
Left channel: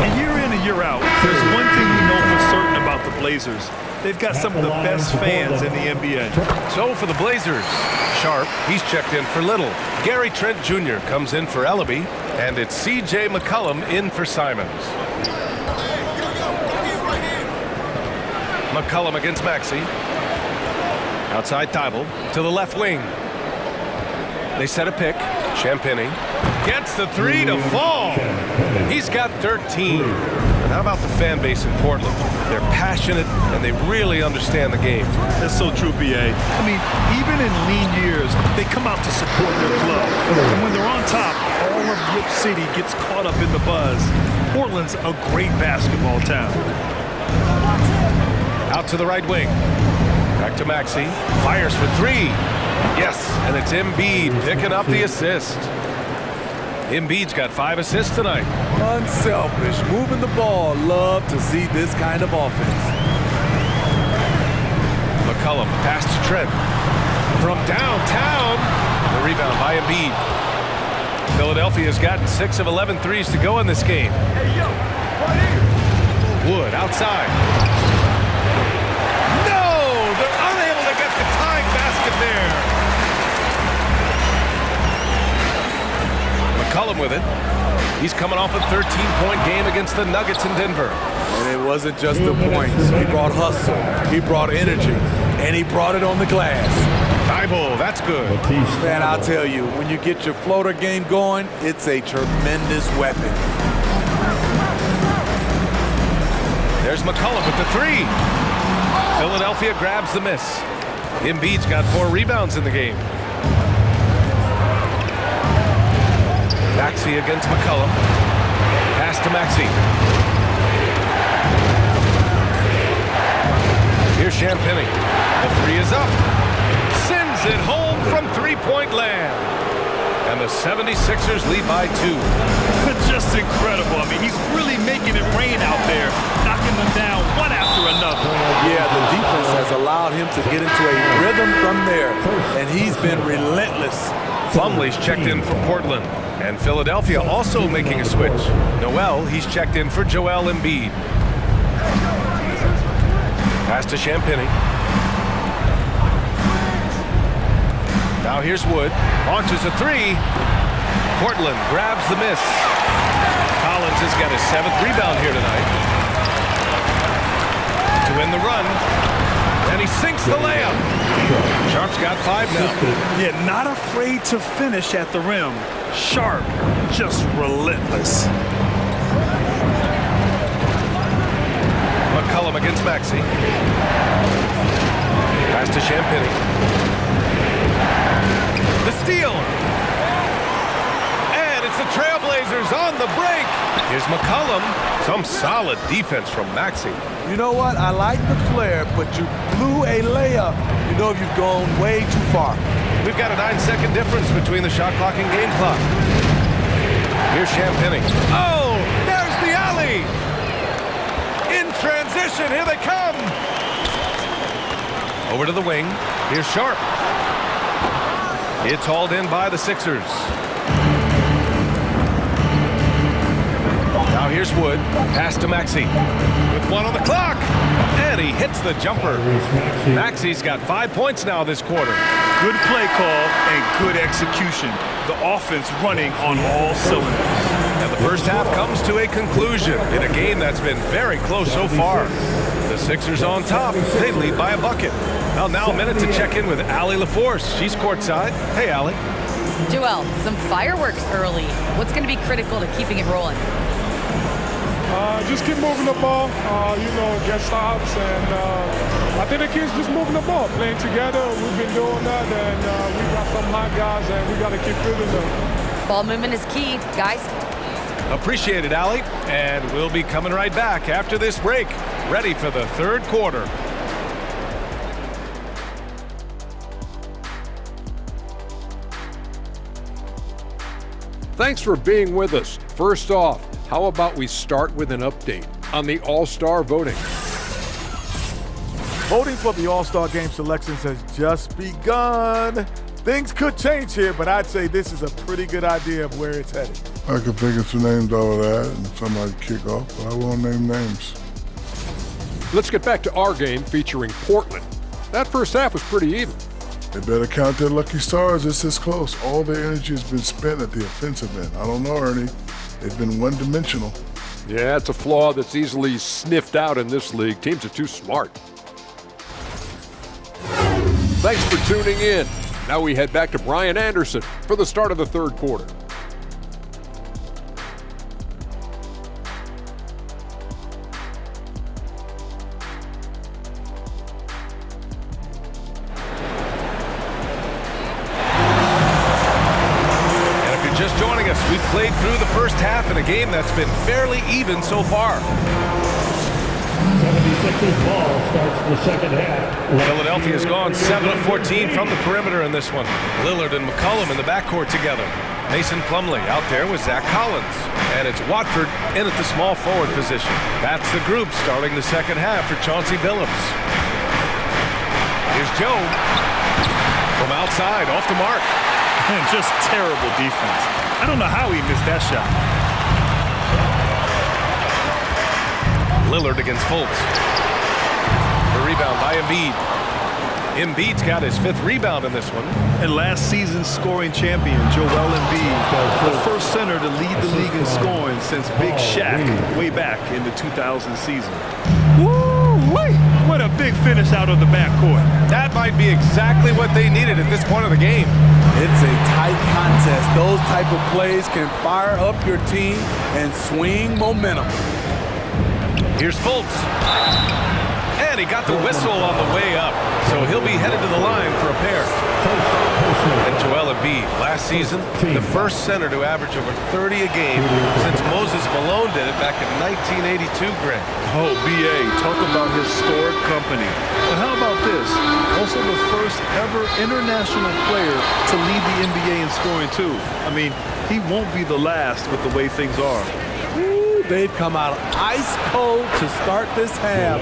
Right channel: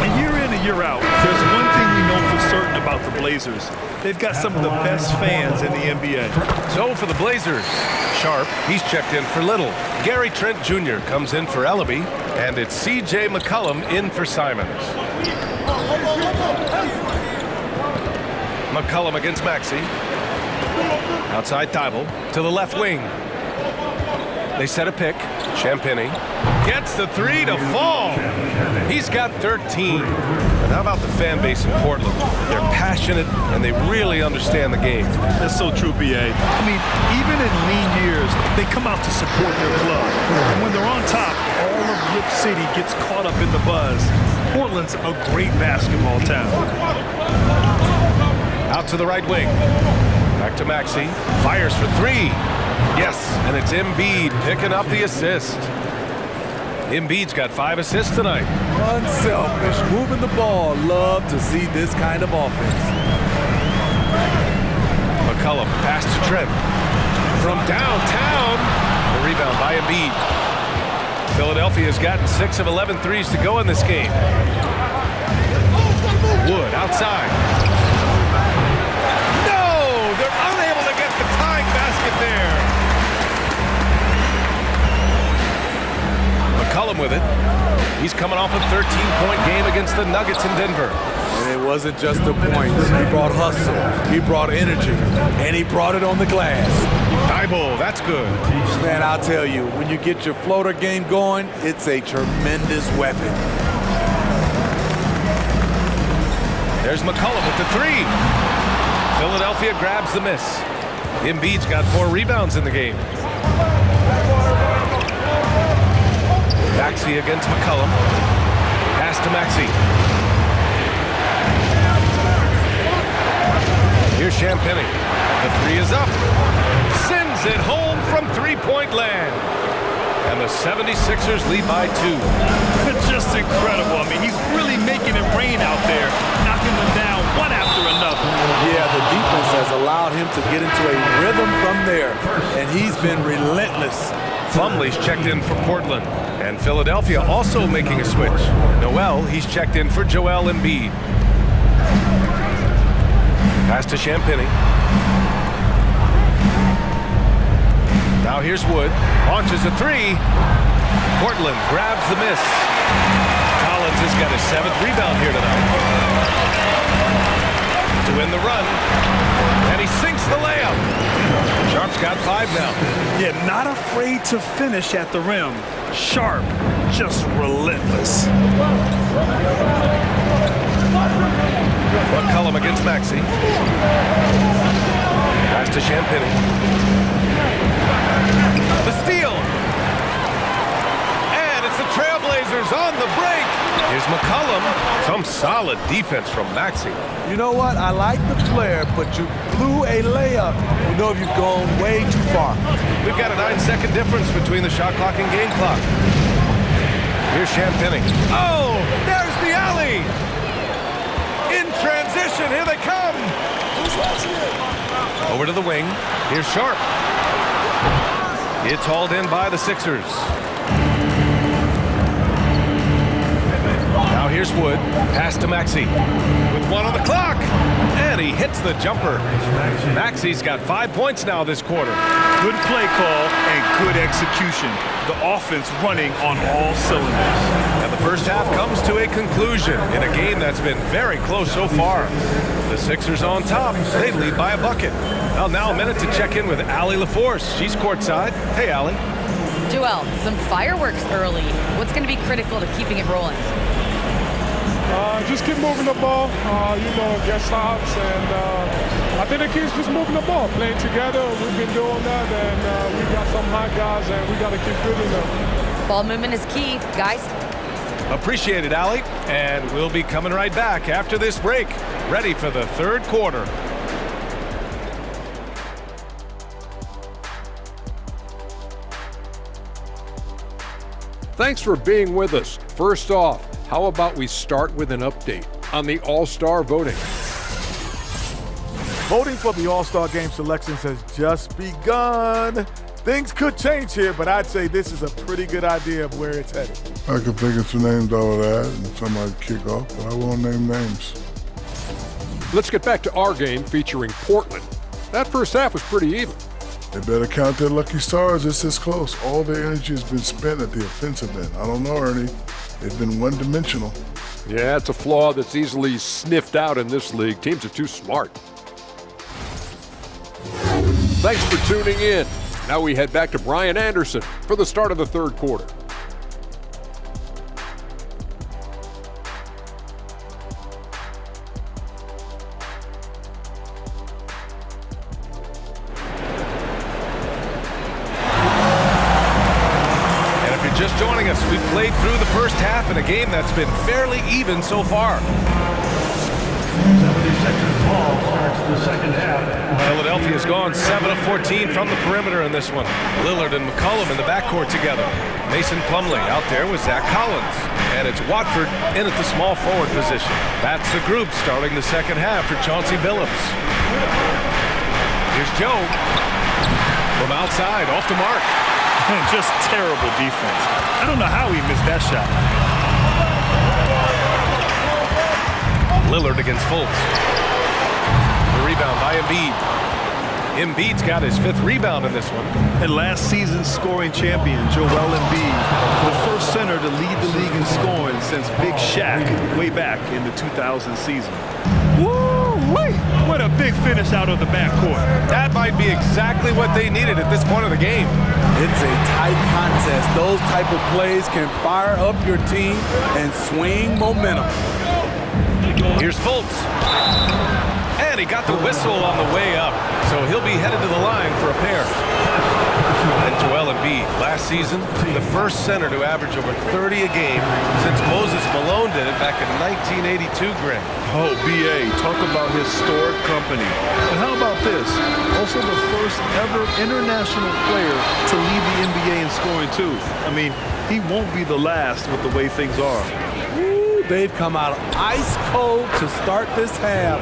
And year in and year out, there's one thing we know for certain about the Blazers. They've got some of the best fans in the NBA. So for the Blazers, Sharp, he's checked in for Little. Gary Trent Jr. comes in for Ellaby, and it's C.J. McCollum in for Simons. McCollum against Maxey. Outside Thibault to the left wing. They set a pick. Champagny gets the 3 to fall. He's got 13. And how about the fan base in Portland? They're passionate and they really understand the game. That's so true, B.A. I mean, even in lean years, they come out to support their club. And when they're on top, all of Rip City gets caught up in the buzz. Portland's a great basketball town. Out to the right wing. Back to Maxey. Fires for 3. Yes, and it's Embiid picking up the assist. Embiid's got 5 assists tonight. Unselfish, moving the ball. Love to see this kind of offense. McCollum, pass to Trent. From downtown, the rebound by Embiid. Philadelphia's gotten 6 of 11 threes to go in this game. Wood outside. No! They're unable to get the tying basket there. McCollum with it. He's coming off a 13-point game against the Nuggets in Denver. And it wasn't just the points. He brought hustle, he brought energy, and he brought it on the glass. Thibault, that's good. Man, I'll tell you, when you get your floater game going, it's a tremendous weapon. There's McCollum with the three. Philadelphia grabs the miss. Embiid's got 4 rebounds in the game. Maxey against McCollum. Pass to Maxey. Here's Champagny. The three is up. Sends it home from three-point land. And the 76ers lead by 2. Just incredible. I mean, he's really making it rain out there, knocking them down one after another. Yeah, the defense has allowed him to get into a rhythm from there, and he's been relentless. Plumlee's checked in for Portland. And Philadelphia also making a switch. Noel, he's checked in for Joel Embiid. Pass to Champagny. Now here's Wood. Launches a three. Portland grabs the miss. Collins has got his 7th rebound here tonight. To win the run. And he sinks the layup. Sharp's got 5 now. Yeah, not afraid to finish at the rim. Sharp, just relentless. McCollum against Maxey. Pass to Champagny. The steal. And it's the Trailblazers on the break. Here's McCollum. Some solid defense from Maxey. You know what? I like the flair, but you blew a layup. You know you've gone way too far. We've got a 9-second difference between the shot clock and game clock. Here's Champagny. Oh, there's the alley. In transition, here they come. Over to the wing. Here's Sharp. It's hauled in by the Sixers. Now here's Wood. Pass to Maxey. With 1 on the clock. And he hits the jumper. Maxey's got 5 points now this quarter. Good play call and good execution. The offense running on all cylinders. And the first half comes to a conclusion in a game that's been very close so far. The Sixers on top. They lead by a bucket. Well, now a minute to check in with Allie LaForce. She's courtside. Hey, Allie. Joel, some fireworks early. What's going to be critical to keeping it rolling? Just keep moving the ball, get stops, and I think the kids just moving the ball, playing together. We've been doing that, and we got some hot guys, and we got to keep feeding them. Ball movement is key, guys. Appreciate it, Allie. And we'll be coming right back after this break, ready for the third quarter. Thanks for being with us. First off, how about we start with an update on the All-Star voting? Voting for the All-Star Game selections has just begun. Things could change here, but I'd say this is a pretty good idea of where it's headed. I could think of some names out of that and somebody kick off, but I won't name names. Let's get back to our game featuring Portland. That first half was pretty even. They better count their lucky stars. It's this close. All their energy has been spent at the offensive end. I don't know, Ernie. They've been one-dimensional. Yeah, it's a flaw that's easily sniffed out in this league. Teams are too smart. Thanks for tuning in. Now we head back to Brian Anderson for the start of the third quarter. Just joining us, we've played through the first half in a game that's been fairly even so far. 76ers ball starts the second half. Philadelphia's gone 7 of 14 from the perimeter in this one. Lillard and McCollum in the backcourt together. Mason Plumlee out there with Zach Collins. And it's Watford in at the small forward position. That's the group starting the second half for Chauncey Billups. Here's Joe from outside, off the mark. Just terrible defense. I don't know how he missed that shot. Lillard against Fultz. The rebound by Embiid. Embiid's got his 5th rebound in this one. And last season's scoring champion, Joel Embiid, the first center to lead the league in scoring since Big Shaq way back in the 2000 season. Woo-wee! What a big finish out of the backcourt. That might be exactly what they needed at this point of the game. It's a tight contest. Those type of plays can fire up your team and swing momentum. Here's Fultz. And he got the whistle on the way up, so he'll be headed to the line for a pair. And Joel Embiid, last season, the first center to average over 30 a game since Moses Malone did it back in 1982, Greg. Oh, B.A., talk about historic company. And how about this? Also the first ever international player to lead the NBA in scoring, too. I mean, he won't be the last with the way things are. They've come out ice cold to start this half.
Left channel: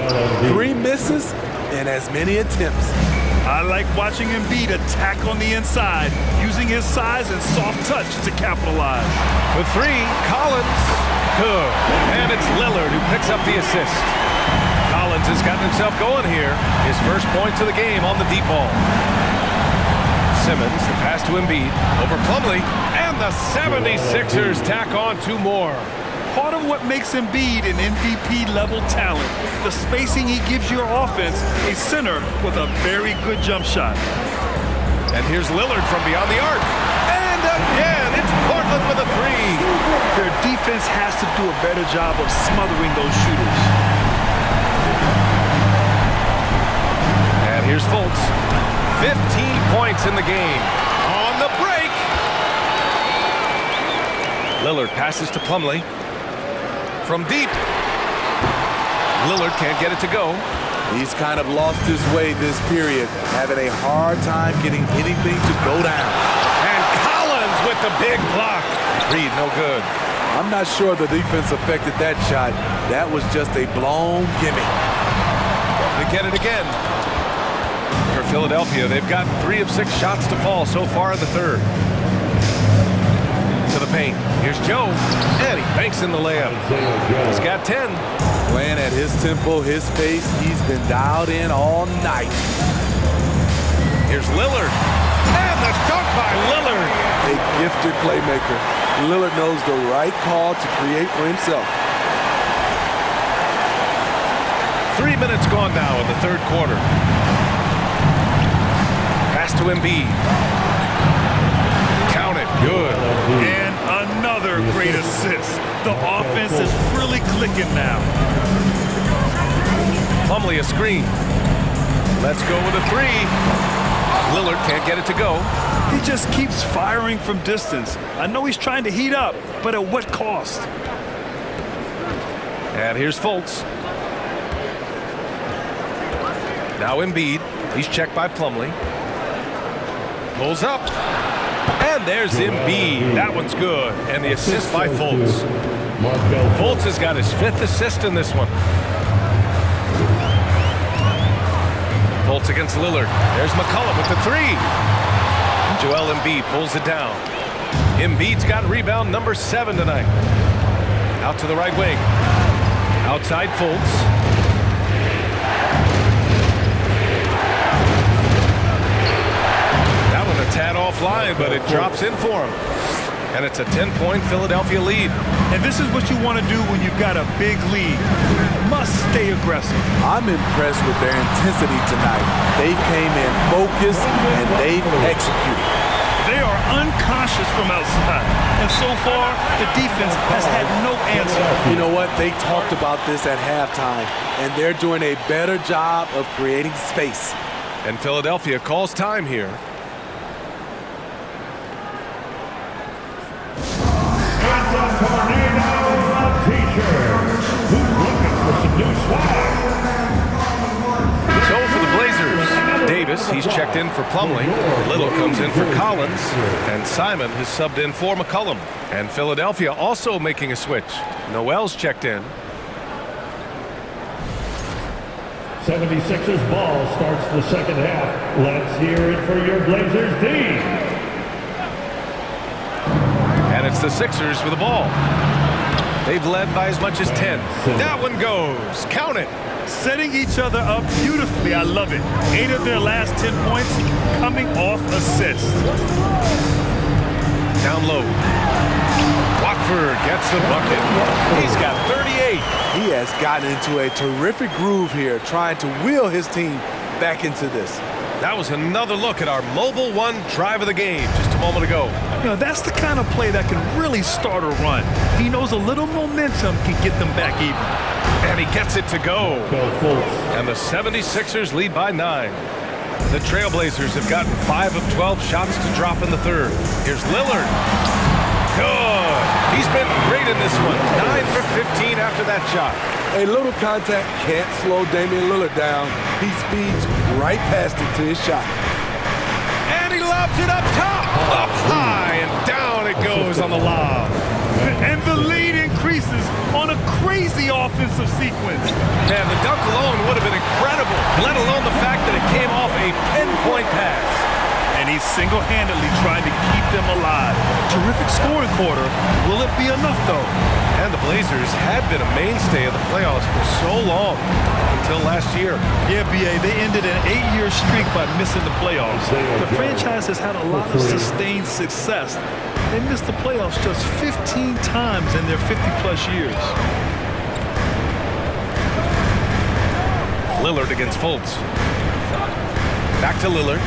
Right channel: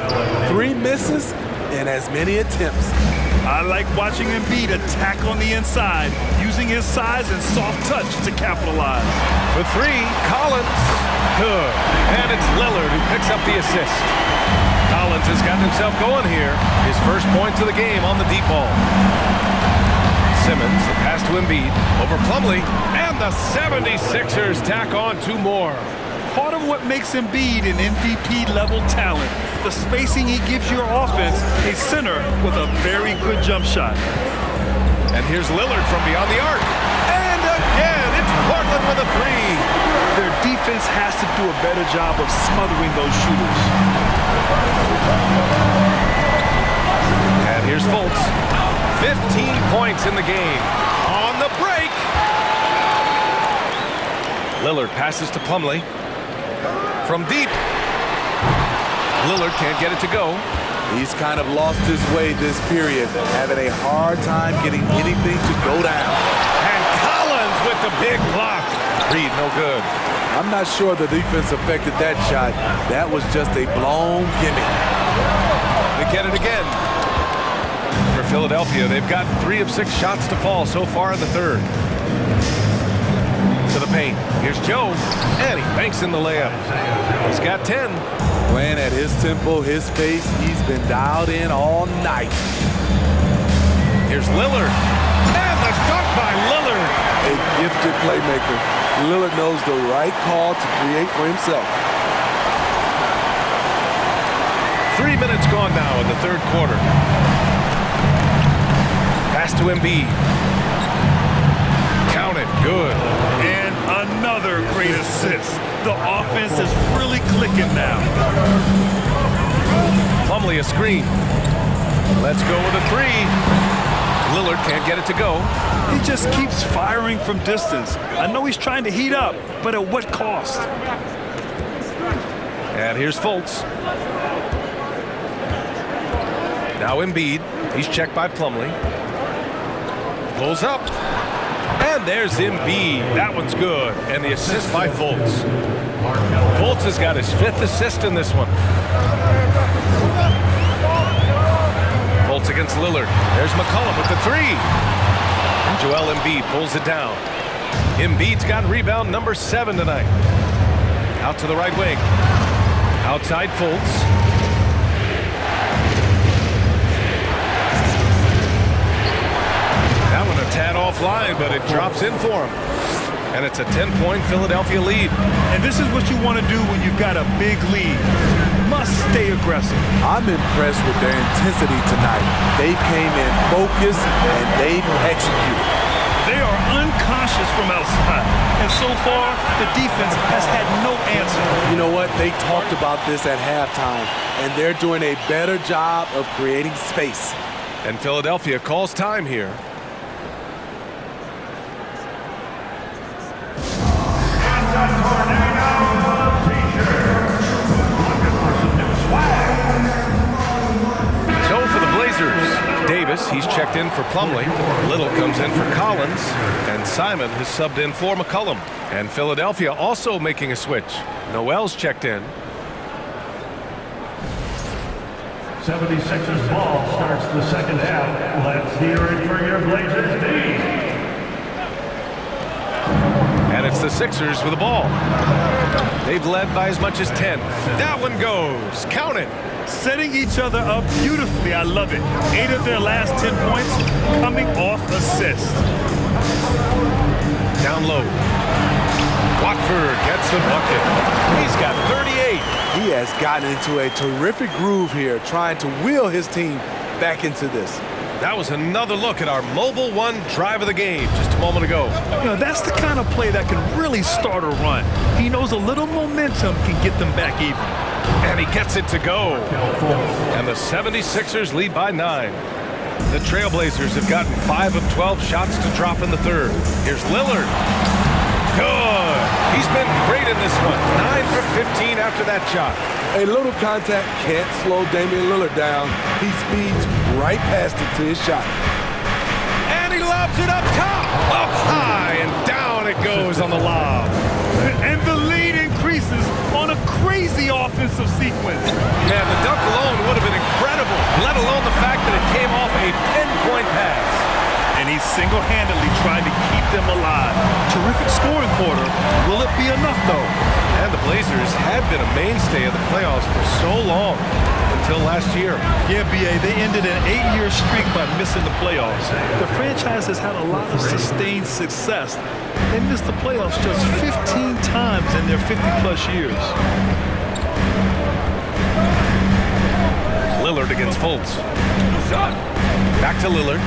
3 misses and as many attempts. I like watching Embiid attack on the inside, using his size and soft touch to capitalize. For 3, Collins. Good. And it's Lillard who picks up the assist. Collins has gotten himself going here. His first points of the game on the deep ball. Simmons, the pass to Embiid, over Plumlee, and the 76ers tack on 2 more. Part of what makes Embiid an MVP-level talent, the spacing he gives your offense, a center with a very good jump shot. And here's Lillard from beyond the arc. And again, it's Portland with a 3. Their defense has to do a better job of smothering those shooters. And here's Fultz. 15 points in the game. On the break. Lillard passes to Plumlee. From deep. Lillard can't get it to go. He's kind of lost his way this period, having a hard time getting anything to go down. And Collins with the big block. Reed, no good. I'm not sure the defense affected that shot. That was just a blown gimme. They get it again. For Philadelphia, they've got 3 of 6 shots to fall so far in the 3rd. To the paint. Here's Joe, and he banks in the layup. He's got 10. Playing at his tempo, his pace, he's been dialed in all night. Here's Lillard, and the dunk by Lillard. A gifted playmaker. Lillard knows the right call to create for himself. 3 minutes gone now in the 3rd quarter. Pass to Embiid. Count it, good. And another great assist. The offense is really clicking now. Plumlee a screen. Let's go with a 3. Lillard can't get it to go. He just keeps firing from distance. I know he's trying to heat up, but at what cost? And here's Fultz. Now Embiid. He's checked by Plumlee. Pulls up. And there's Embiid. That one's good. And the assist by Fultz. Fultz has got his 5th assist in this one. Fultz against Lillard. There's McCollum with the 3. And Joel Embiid pulls it down. Embiid's got rebound number 7 tonight. Out to the right wing. Outside Fultz. That one a tad offline, but it drops in for him. And it's a 10-point Philadelphia lead. And this is what you want to do when you've got a big lead. Must stay aggressive. I'm impressed with their intensity tonight. They came in focused and they've executed. They are unconscious from outside. And so far, the defense has had no answer. You know what? They talked about this at halftime, and they're doing a better job of creating space. And Philadelphia calls time here. So for the Blazers, Davis, he's checked in for Plumlee. Little comes in for Collins. And Simon has subbed in for McCollum. And Philadelphia also making a switch. Noel's checked in. 76ers ball starts the 2nd half. Let's hear it for your Blazers, D. And And it's the Sixers with the ball. They've led by as much as 10. That one goes. Count it. Setting each other up beautifully. I love it. 8 of their last 10 points coming off assists. Down low. Watford gets the bucket. He's got 38. He has gotten into a terrific groove here, trying to wheel his team back into this. That was another look at our Mobile One drive of the game just a moment ago. You know, that's the kind of play that can really start a run. He knows a little momentum can get them back even. And he gets it to go. And the 76ers lead by 9. The Trailblazers have gotten 5 of 12 shots to drop in the third. Here's Lillard. Good. He's been great in this one. 9 for 15 after that shot. A little contact can't slow Damian Lillard down. He speeds right past it to his shot. And he lobs it up top. Up high and down it goes on the lob. And the lead increases on a crazy offensive sequence. Man, the dunk alone would have been incredible, let alone the fact that it came off a pinpoint pass. And he's single-handedly trying to keep them alive. Terrific scoring quarter. Will it be enough, though? And the Blazers had been a mainstay of the playoffs for so long, until last year. Yeah, B.A., they ended an 8-year streak by missing the playoffs. The franchise has had a lot of sustained success. They missed the playoffs just 15 times in their 50-plus years. Lillard against Fultz. Back to Lillard.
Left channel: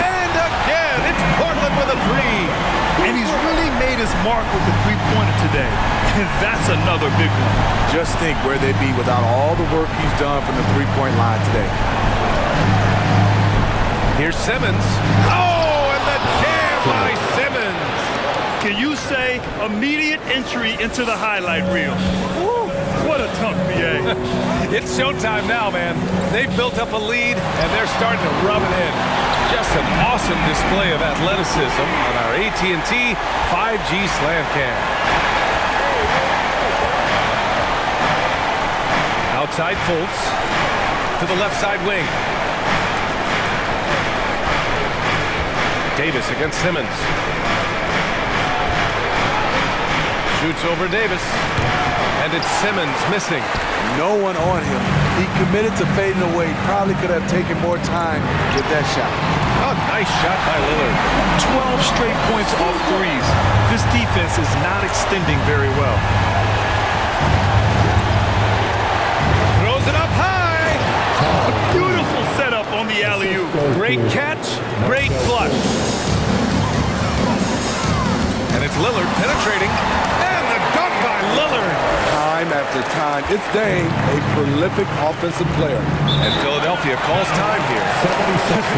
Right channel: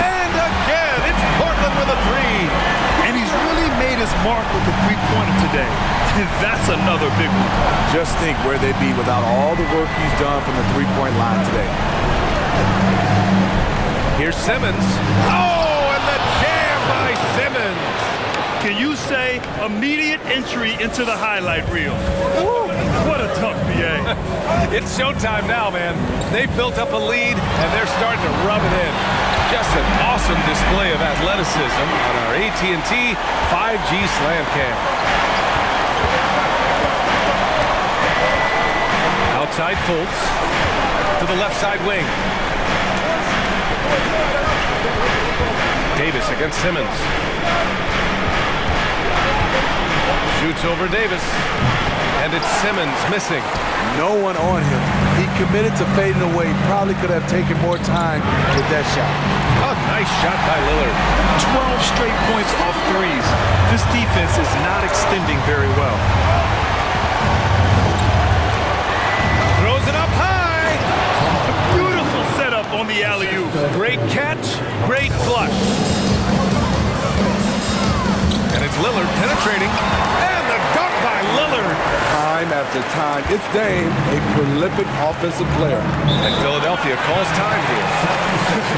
And again, it's Portland with a 3. And he's really made his mark with the three-pointer today. And that's another big one. Just think where they'd be without all the work he's done from the three-point line today. Here's Simmons. Oh, and the jam by Simmons. Can you say immediate entry into the highlight reel? Woo, what a dunk, B.A. It's showtime now, man. They've built up a lead, and they're starting to rub it in. Just an awesome display of athleticism on our AT&T 5G Slam Cam. Outside Fultz to the left side wing. Davis against Simmons. Shoots over Davis. And it's Simmons missing. No one on him. He committed to fading away. Probably could have taken more time with that shot. Oh, nice shot by Lillard. 12 straight points off threes. This defense is not extending very well. Throws it up high. Beautiful setup on the alley-oop. Great catch, great flush. And it's Lillard penetrating. And the dunk by Lillard. Time after time, it's Dame, a prolific offensive player. And Philadelphia calls time here.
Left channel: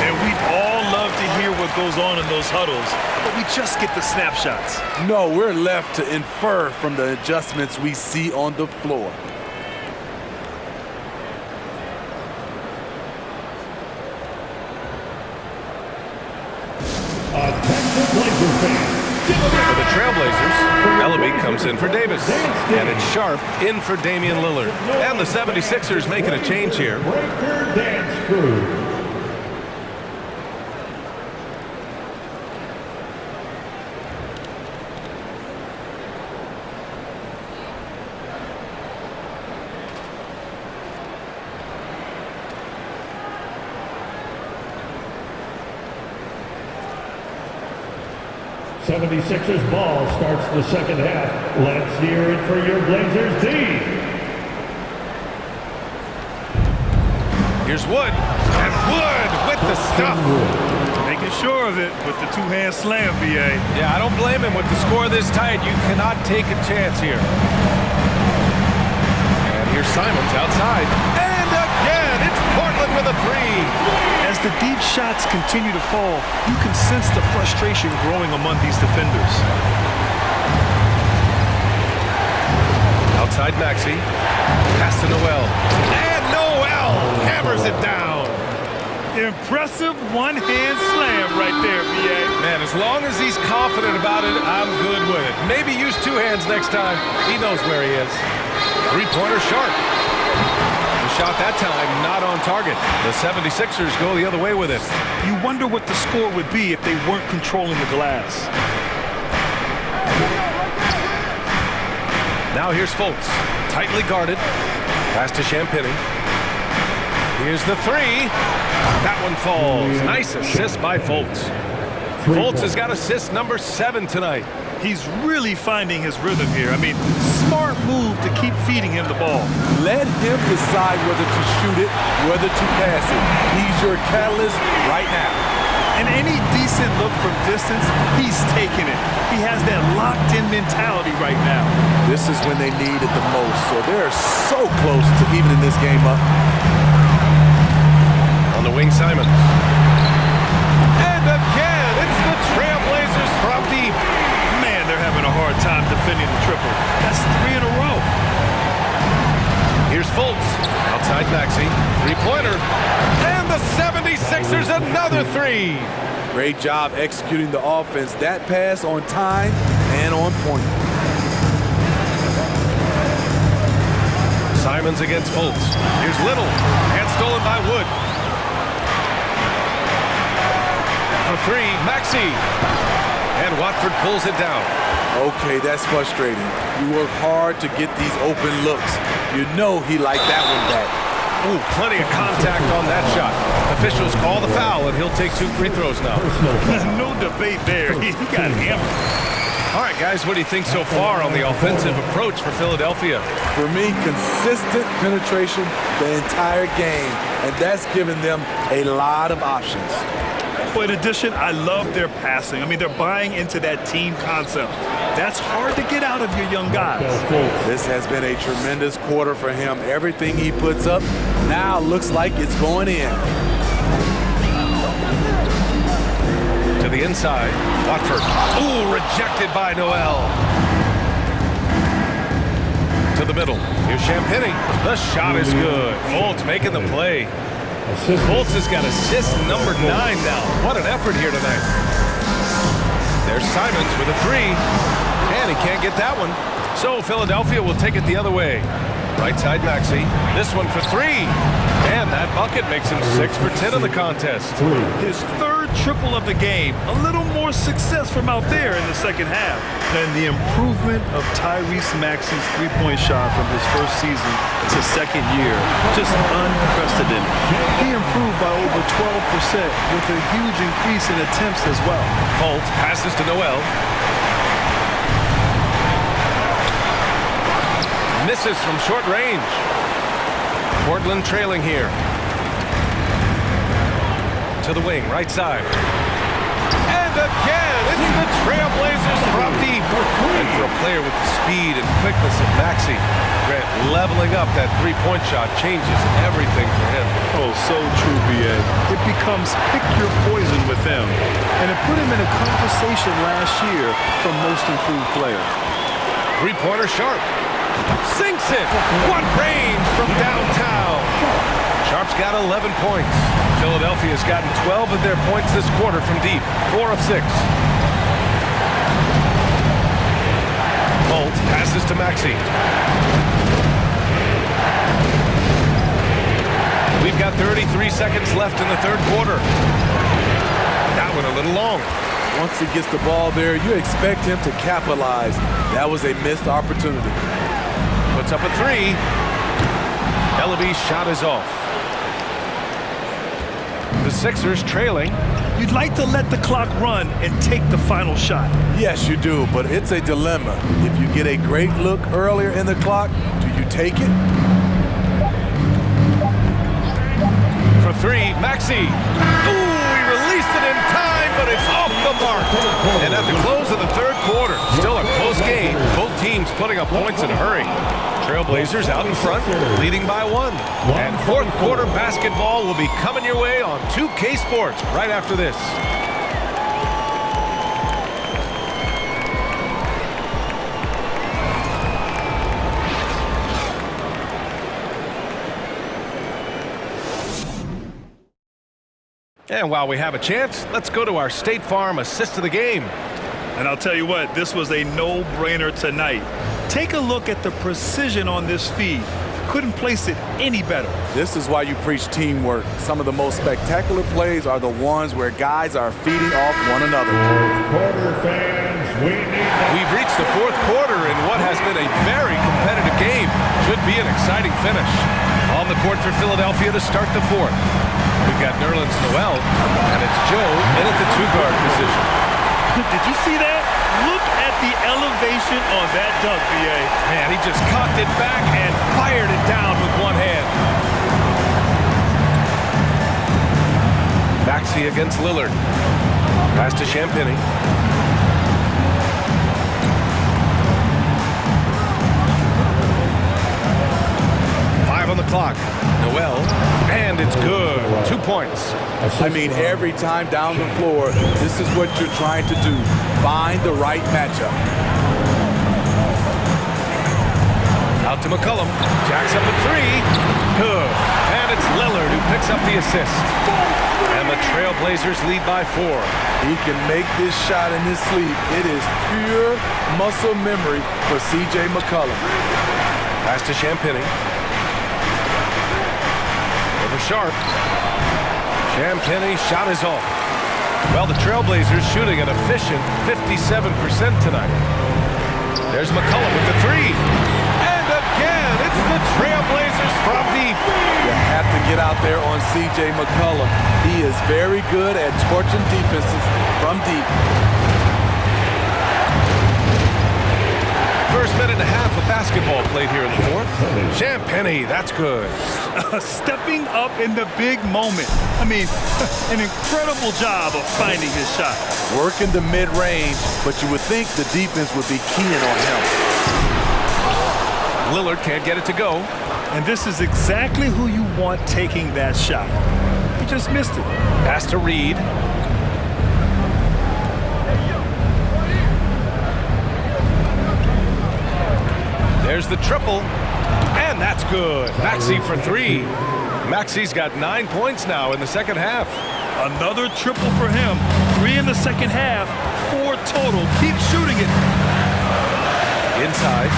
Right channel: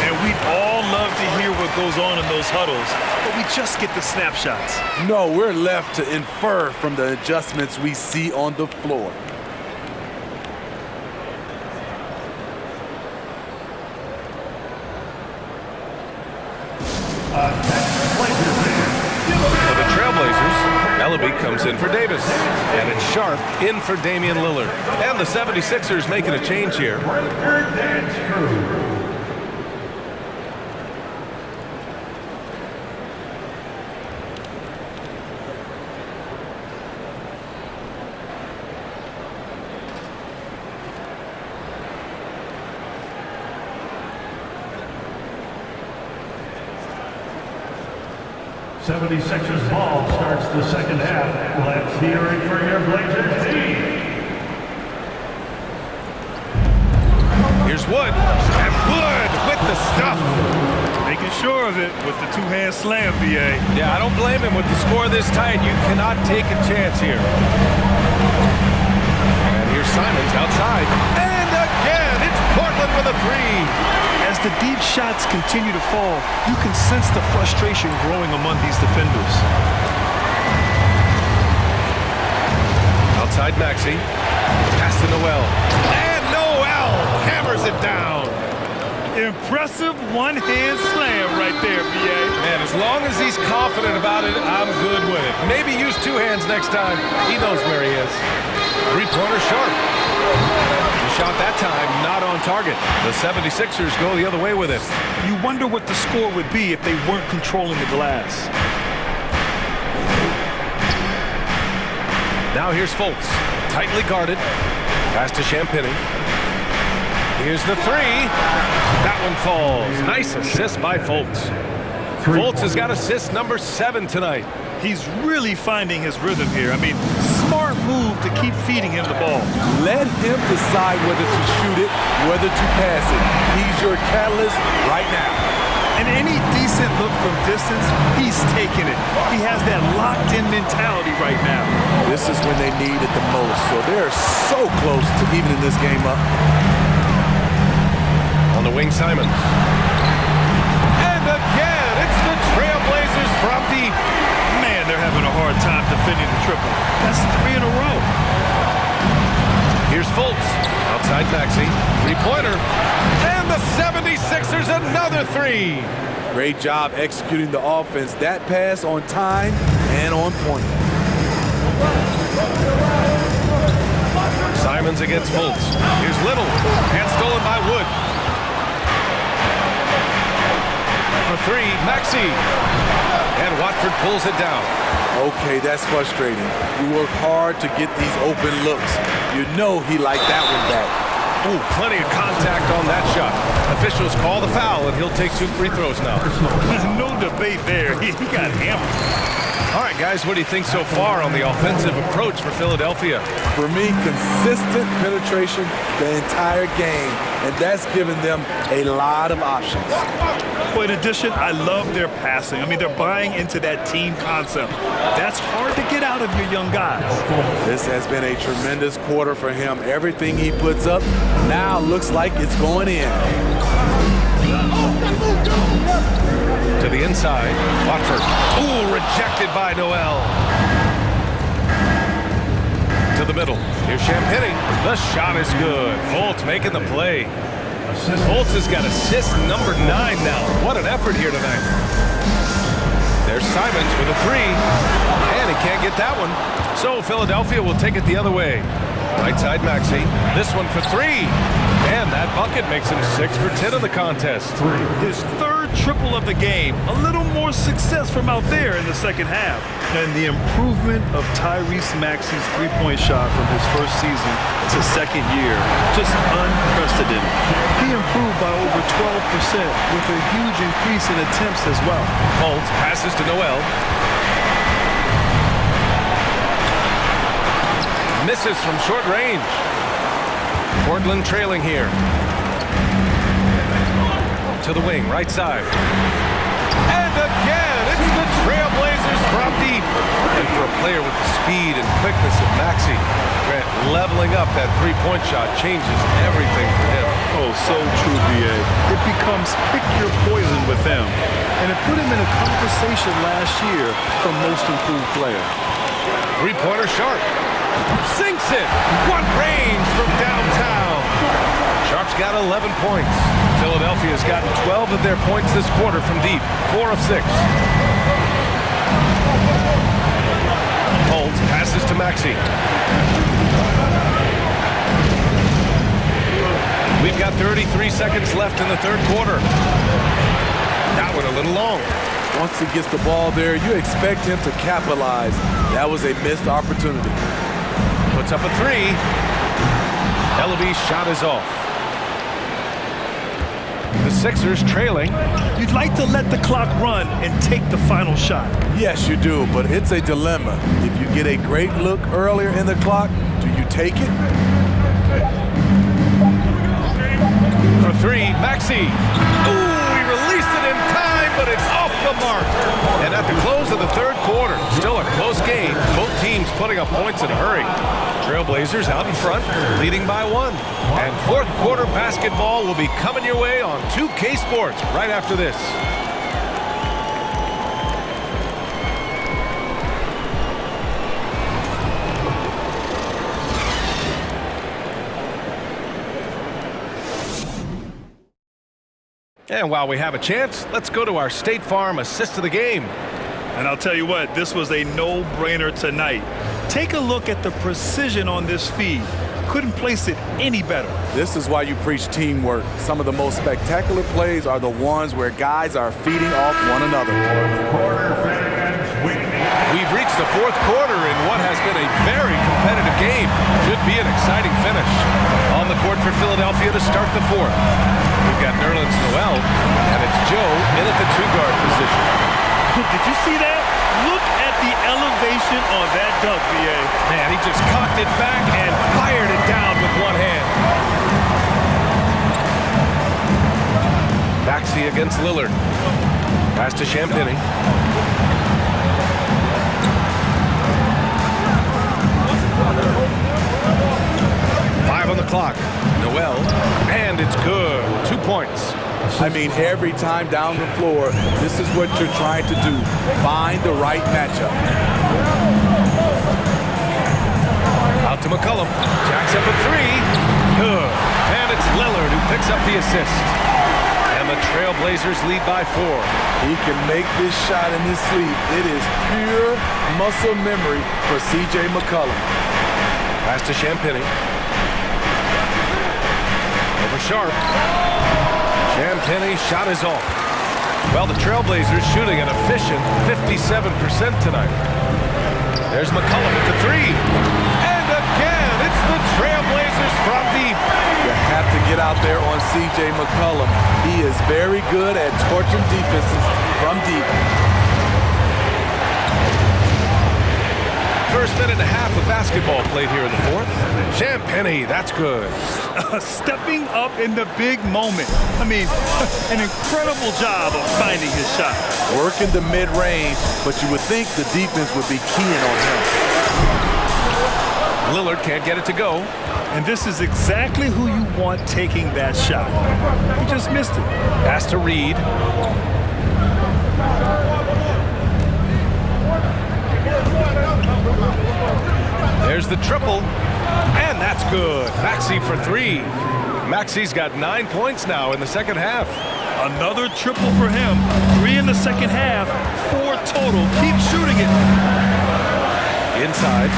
And we'd all love to hear what goes on in those huddles, but we just get the snapshots. No, we're left to infer from the adjustments we see on the floor. Texas Blazers fan. For the Trailblazers, Ellaby comes in for Davis. And it's Sharp in for Damian Lillard. And the 76ers making a change here. Breaker dance crew. '76ers ball starts the second half. Let's hear it for your Blazers D. Here's Wood. And Wood with the stuff. Making sure of it with the two-hand slam, B.A. Yeah, I don't blame him with the score this tight. You cannot take a chance here. And here's Simons outside. And again, it's Portland with a 3. As the deep shots continue to fall, you can sense the frustration growing among these defenders. Outside Maxey. Pass to Noel. And Noel hammers it down. Impressive one-hand slam right there, B.A. Man, as long as he's confident about it, I'm good with it. Maybe use 2 hands next time. He knows where he is. Three-pointer Sharp. The shot that time not on target. The 76ers go the other way with it. You wonder what the score would be if they weren't controlling the glass. Now here's Fultz. Tightly guarded. Pass to Champagny. Here's the three. That one falls. Nice assist by Fultz. Fultz has got assist number 7 tonight. He's really finding his rhythm here. I mean, smart move to keep feeding him the ball. Let him decide whether to shoot it, whether to pass it. He's your catalyst right now. And any decent look from distance, he's taking it. He has that locked-in mentality right now. This is when they need it the most, so they're so close to evening this game up. On the wing, Simons. And again, it's the Trailblazers from deep. Man, they're having a hard time defending the triple. That's 3 in a row. Here's Fultz. Outside Maxey. Three-pointer. And the 76ers another 3. Great job executing the offense. That pass on time and on point. Simons against Fultz. Here's Little. And stolen by Wood. For 3, Maxey. And Watford pulls it down. Okay, that's frustrating. You work hard to get these open looks. You know he liked that one back. Ooh, plenty of contact on that shot. Officials call the foul, and he'll take 2 free throws now. No debate there. He got hammered. All right, guys, what do you think so far on the offensive approach for Philadelphia? For me, consistent penetration the entire game, and that's given them a lot of options. But in addition, I love their passing. I mean, they're buying into that team concept. That's hard to get out of your young guys. This has been a tremendous quarter for him. Everything he puts up now looks like it's going in. To the inside, Watford. Ooh, rejected by Noel. To the middle. Here's Champagny. The shot is good. Fultz making the play. Fultz has got assist number 9 now. What an effort here tonight. There's Simons with a 3. And he can't get that one. So Philadelphia will take it the other way. Right side Maxey. This one for 3. And that bucket makes him 6 for 10 in the contest. His 3rd triple of the game. A little more success from out there in the second half. And the improvement of Tyrese Maxey's three-point shot from his first season to second year, just unprecedented. He improved by over 12% with a huge increase in attempts as well. Fultz passes to Noel. Misses from short range. Portland trailing here. To the wing, right side. And again, it's the Trailblazers from deep. And for a player with the speed and quickness of Maxey, Grant, leveling up that three-point shot changes everything for him. Oh, so true, B.A. It becomes pick your poison with him. And it put him in a conversation last year for most improved player. Three-pointer Sharp. Sinks it. What range from downtown. Sharp's got 11 points. Philadelphia's gotten 12 of their points this quarter from deep. 4 of 6. Fultz passes to Maxey. We've got 33 seconds left in the 3rd quarter. That one a little long. Once he gets the ball there, you expect him to capitalize. That was a missed opportunity. Puts up a 3. Ellaby's shot is off. The Sixers trailing. You'd like to let the clock run and take the final shot. Yes, you do, but it's a dilemma. If you get a great look earlier in the clock, do you take it? For 3, Maxey. Ooh, he released it in time, but it's off the mark. And at the close of the 3rd quarter, still a close game. Both teams putting up points in a hurry. Trailblazers out in front, leading by 1. And 4th quarter basketball will be coming your way on 2K Sports right after this. And while we have a chance, let's go to our State Farm assist of the game. And I'll tell you what, this was a no-brainer tonight. Take a look at the precision on this feed. Couldn't place it any better. This is why you preach teamwork. Some of the most spectacular plays are the ones where guys are feeding off one another. Quarter fans, we need We've reached the fourth quarter in what has been a very competitive game. Should be an exciting finish. On the court for Philadelphia to start the fourth. We've got Nerlens Noel, and it's Joe in at the two-guard position. Did you see that? Look at the elevation on that dunk, B.A. Man, he just cocked it back and fired it down with one hand. Maxey against Lillard. Pass to Champagnie. On the clock. Noel, and it's good. 2 points. I mean, every time down the floor, this is what you're trying to do. Find the right matchup. Out to McCollum. Jacks up a three. Good. And it's Lillard who picks up the assist. And the Trailblazers lead by 4. He can make this shot in his sleep. It is pure muscle memory for C.J. McCollum. Pass to Champagnie. Over Sharp. Champagnie shot is off. Well, the Trailblazers shooting an efficient 57% tonight. There's McCollum with the three. And again, it's the Trailblazers from deep. You have to get out there on C.J. McCollum. He is very good at torching defenses from deep. First minute and a half of basketball played here in the fourth. Champagnie, that's good. Stepping up in the big moment. I mean, an incredible job of finding his shot. Working the mid-range, but you would think the defense would be keying on him. Lillard can't get it to go. And this is exactly who you want taking that shot. He just missed it. Pass to Reed. There's the triple, and that's good. Maxey for three. Maxey's got 9 points now in the second half. Another triple for him. 3 in the second half, 4 total. Keep shooting it. Inside.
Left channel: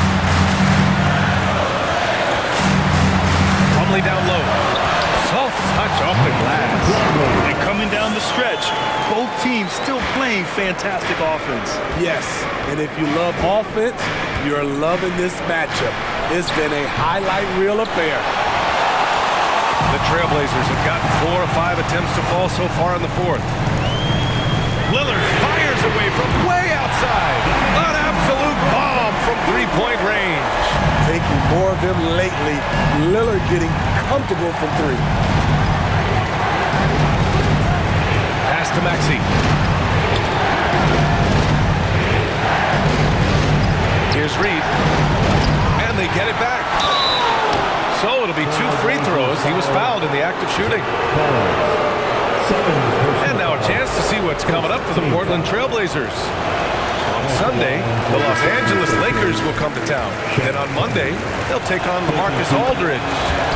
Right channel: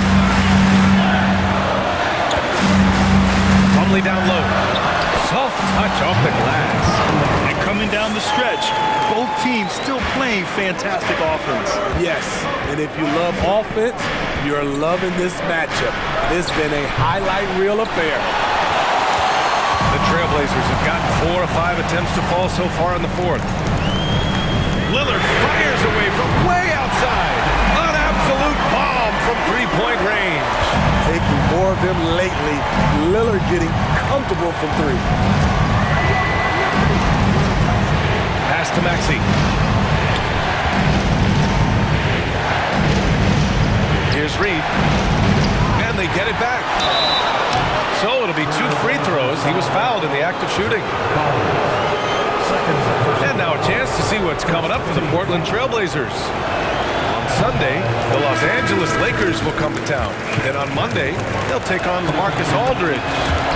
Plumlee down low. Soft touch off the glass. And coming down the stretch, both teams still playing fantastic offense. Yes, and if you love offense, you're loving this matchup. It's been a highlight reel affair. The Trailblazers have gotten 4 of 5 attempts to fall so far in the fourth. Lillard fires away from way outside. An absolute bomb from three-point range. Taking more of them lately. Lillard getting comfortable from three. Pass to Maxey. Here's Reed. And they get it back. So it'll be 2 free throws. He was fouled in the act of shooting. And now a chance to see what's coming up for the Portland Trailblazers. On Sunday, the Los Angeles Lakers will come to town. Then on Monday, they'll take on LaMarcus Aldridge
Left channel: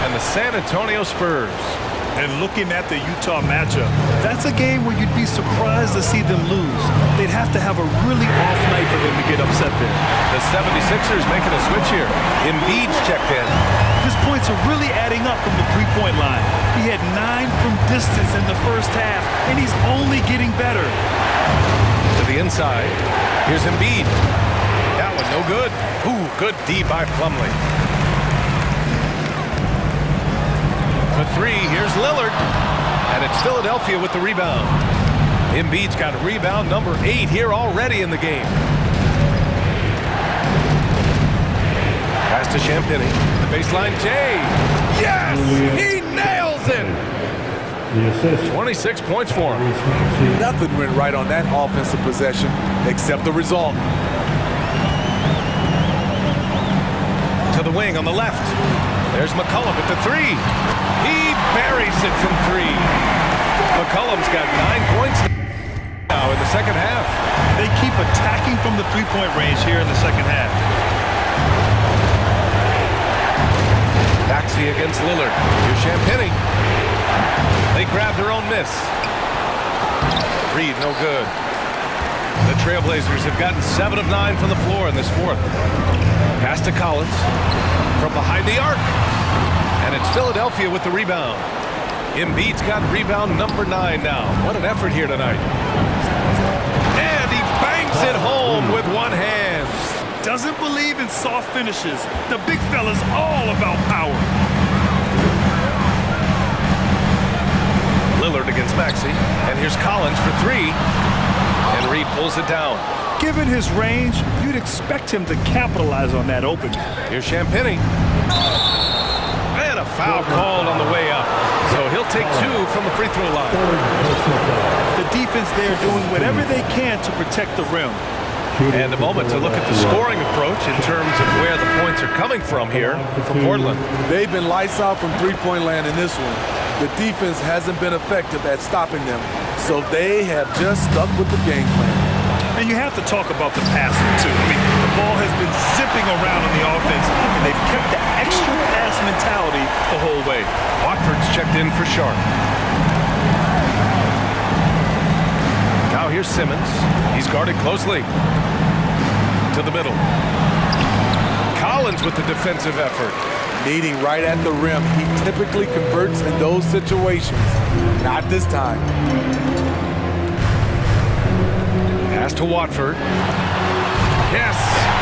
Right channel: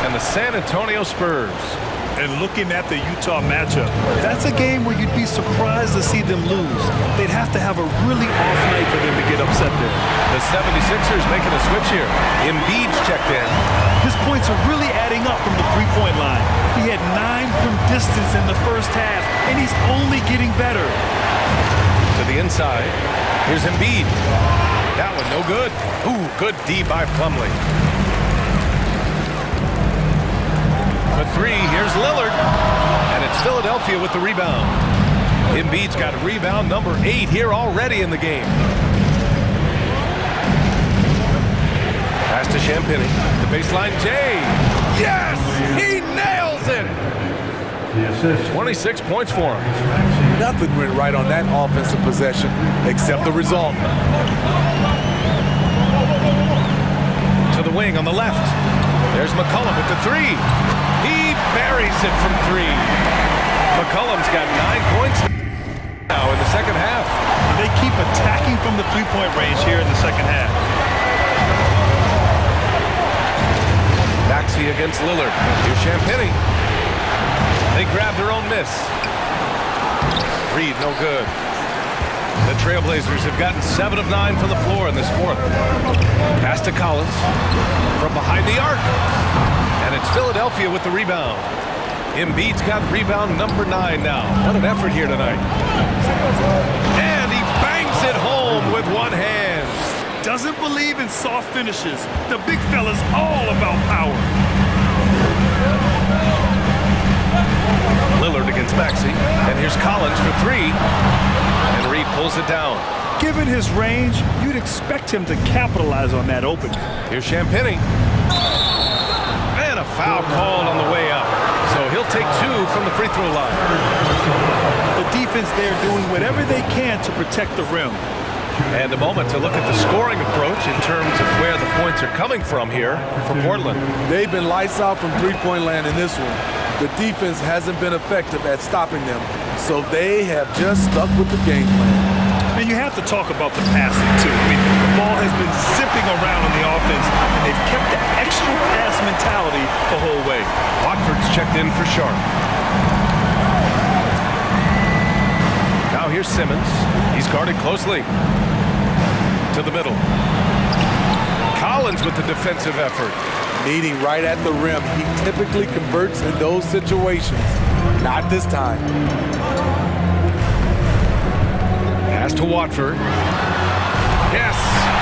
and the San Antonio Spurs. And looking at the Utah matchup, that's a game where you'd be surprised to see them lose. They'd have to have a really off night for them to get upset there. The 76ers making a switch here. Embiid's checked in. His points are really adding up from the three-point line. He had 9 from distance in the first half, and he's only getting better. To the inside. Here's Embiid. That one no good. Ooh, good D by Plumlee. For three, here's Lillard. And it's Philadelphia with the rebound. Embiid's got rebound number 8 here already in the game. Pass to Champagnie. The baseline, Jay. Yes! He nails it! 26 points for him. Nothing went right on that offensive possession except the result. To the wing on the left. There's McCollum with the three. He buries it from 3. McCollum's got 9 points now in the second half. And they keep attacking from the three-point range here in the second half. Maxey against Lillard. Here's Champagnie. They grab their own miss. Reed, no good. The Trailblazers have gotten 7 of 9 from the floor in this fourth. Pass to Collins from behind the arc. And it's Philadelphia with the rebound. Embiid's got rebound number 9 now. What an effort here tonight. And he bangs Takes it home with one hand. Doesn't believe in soft finishes. The big fella's all about power. Lillard against Maxey, and here's Collins for three, and Reed pulls it down. Given his range, you'd expect him to capitalize on that opening. Here's Champagny. And a foul called on the way up. So he'll take two from the free throw line. The defense there doing whatever they can to protect the rim. And a moment to look at the scoring approach in terms of where the points are coming from here for Portland. They've been lights out from three-point land in this one. The defense hasn't been effective at stopping them, so they have just stuck with the game plan. And you have to talk about the passing, too. I mean, the ball has been zipping around on the offense, and they've kept the extra pass mentality the whole way. Watford's checked in for Sharp. Now here's Simmons. He's guarded closely. To the middle. Collins with the defensive effort. Meeting right at the rim, he typically converts in those situations. Not this time. Pass to Watford. Yes,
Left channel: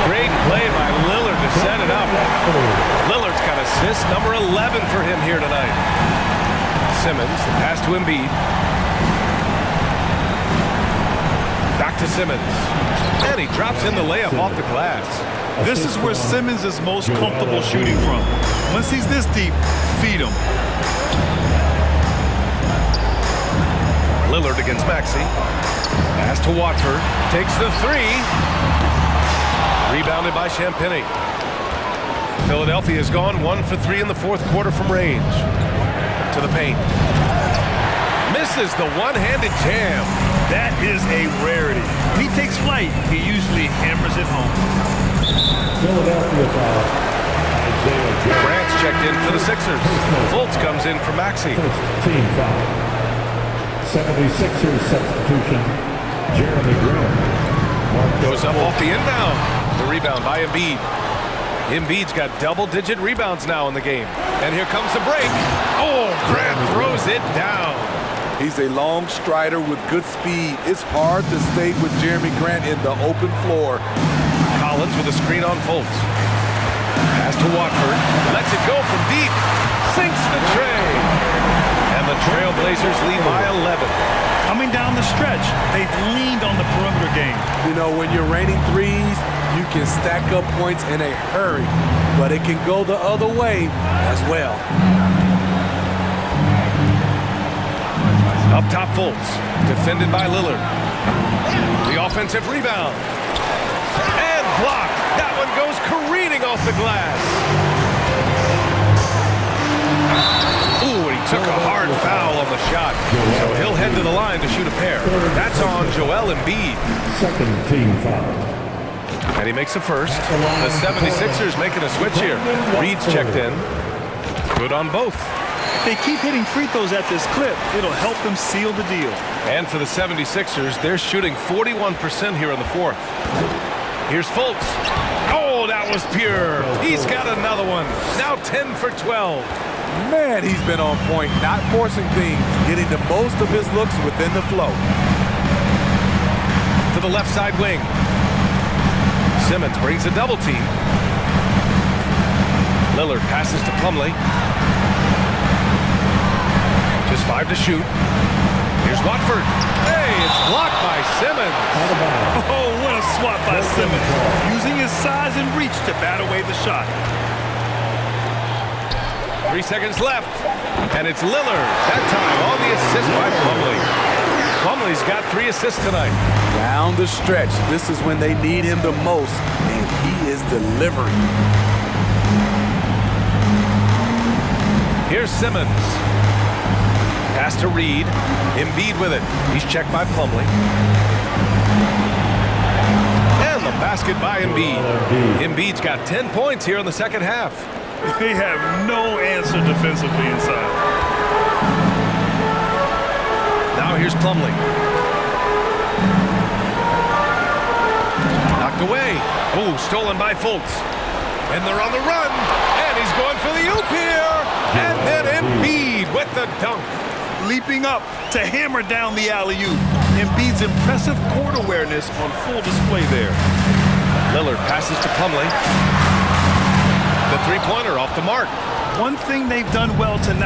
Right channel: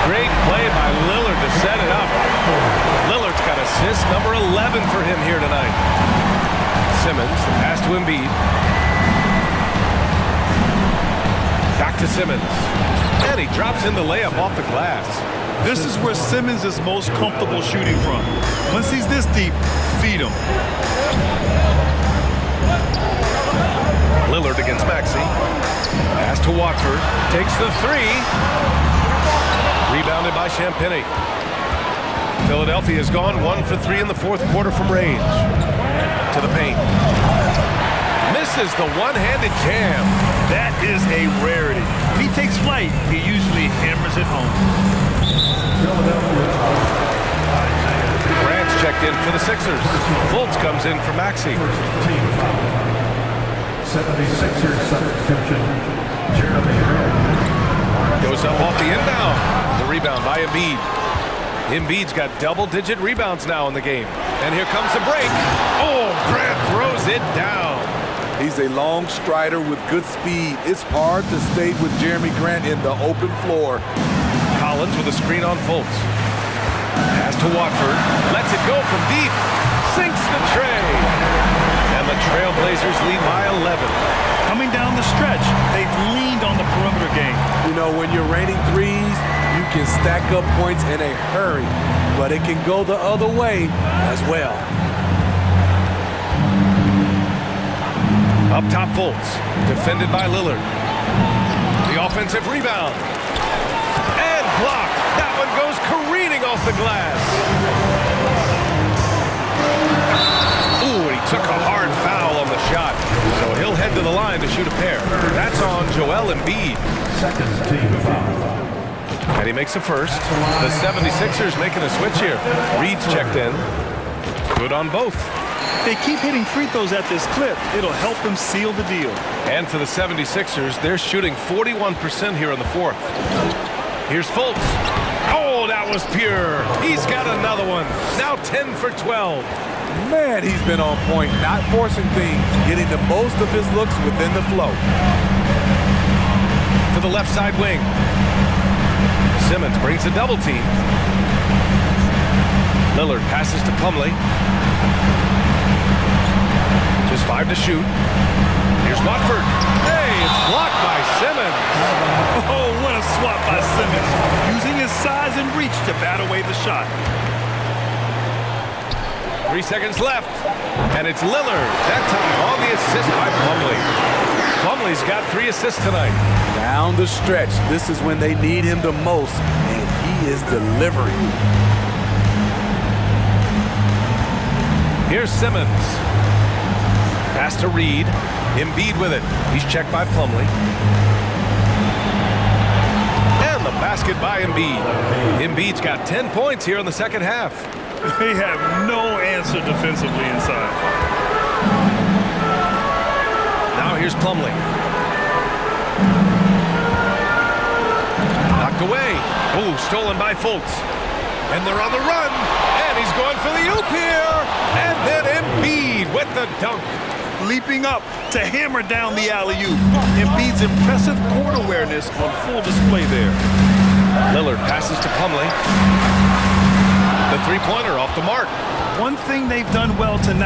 great play by Lillard to set it up. Lillard's got assist number 11 for him here tonight. Simmons, the pass to Embiid. Back to Simmons. And he drops in the layup off the glass. This is where Simmons is most comfortable shooting from. Once he's this deep, feed him. Lillard against Maxey. Pass to Watford. Takes the three. Rebounded by Champagny. Philadelphia has gone 1 for 3 in the fourth quarter from range. To the paint. Misses the one-handed jam. That is a rarity. When he takes flight, he usually hammers it home. Grant's checked in for the Sixers. Fultz comes in for Maxey. Team foul. 76ers substitution, Jeremy Grant. Goes up off the inbound. The rebound by Embiid. Embiid's got double-digit rebounds now in the game. And here comes the break. Oh, Grant throws it down. He's a long strider with good speed. It's hard to stay with Jeremy Grant in the open floor. Collins with a screen on Fultz. Pass to Watford. Lets it go from deep. Sinks the tray. And the Trailblazers lead by 11. Coming down the stretch, they've leaned on the perimeter game. You know, when you're raining threes, you can stack up points in a hurry, but it can go the other way as well. Up top, Fultz. Defended by Lillard. The offensive rebound. And blocked. That one goes careening off the glass. Ooh, and he took a hard foul on the shot. So he'll head to the line to shoot a pair. That's on Joel Embiid. Second team foul. And he makes the first. The 76ers making a switch here. Reed's checked in. Good on both. If they keep hitting free throws at this clip, it'll help them seal the deal. And for the 76ers, they're shooting 41% here in the fourth. Here's Fultz. Oh, that was pure. He's got another one. Now 10 for 12. Man, he's been on point, not forcing things, getting the most of his looks within the flow. To the left side wing. Simmons brings a double team. Lillard passes to Plumlee. Just 5 to shoot. Here's Watford. Hey, it's blocked by Simmons. Oh, what a swat by Simmons. Using his size and reach to bat away the shot. 3 seconds left. And it's Lillard. That time on the assist by Plumlee. Plumlee's got 3 assists tonight. Down the stretch, this is when they need him the most, and he is delivering. Here's Simmons. Pass to Reed. Embiid with it. He's checked by Plumlee. And the basket by Embiid. Embiid's got 10 points here in the second half. They have no answer defensively inside. Now here's Plumlee. Knocked away. Oh, stolen by Fultz. And they're on the run. And he's going for the oop here. And then Embiid with the dunk. leaping up to hammer down the alley-oop. Embiid's impressive court awareness on full display there. Lillard passes to Plumlee. The three-pointer off the mark. One thing they've done well tonight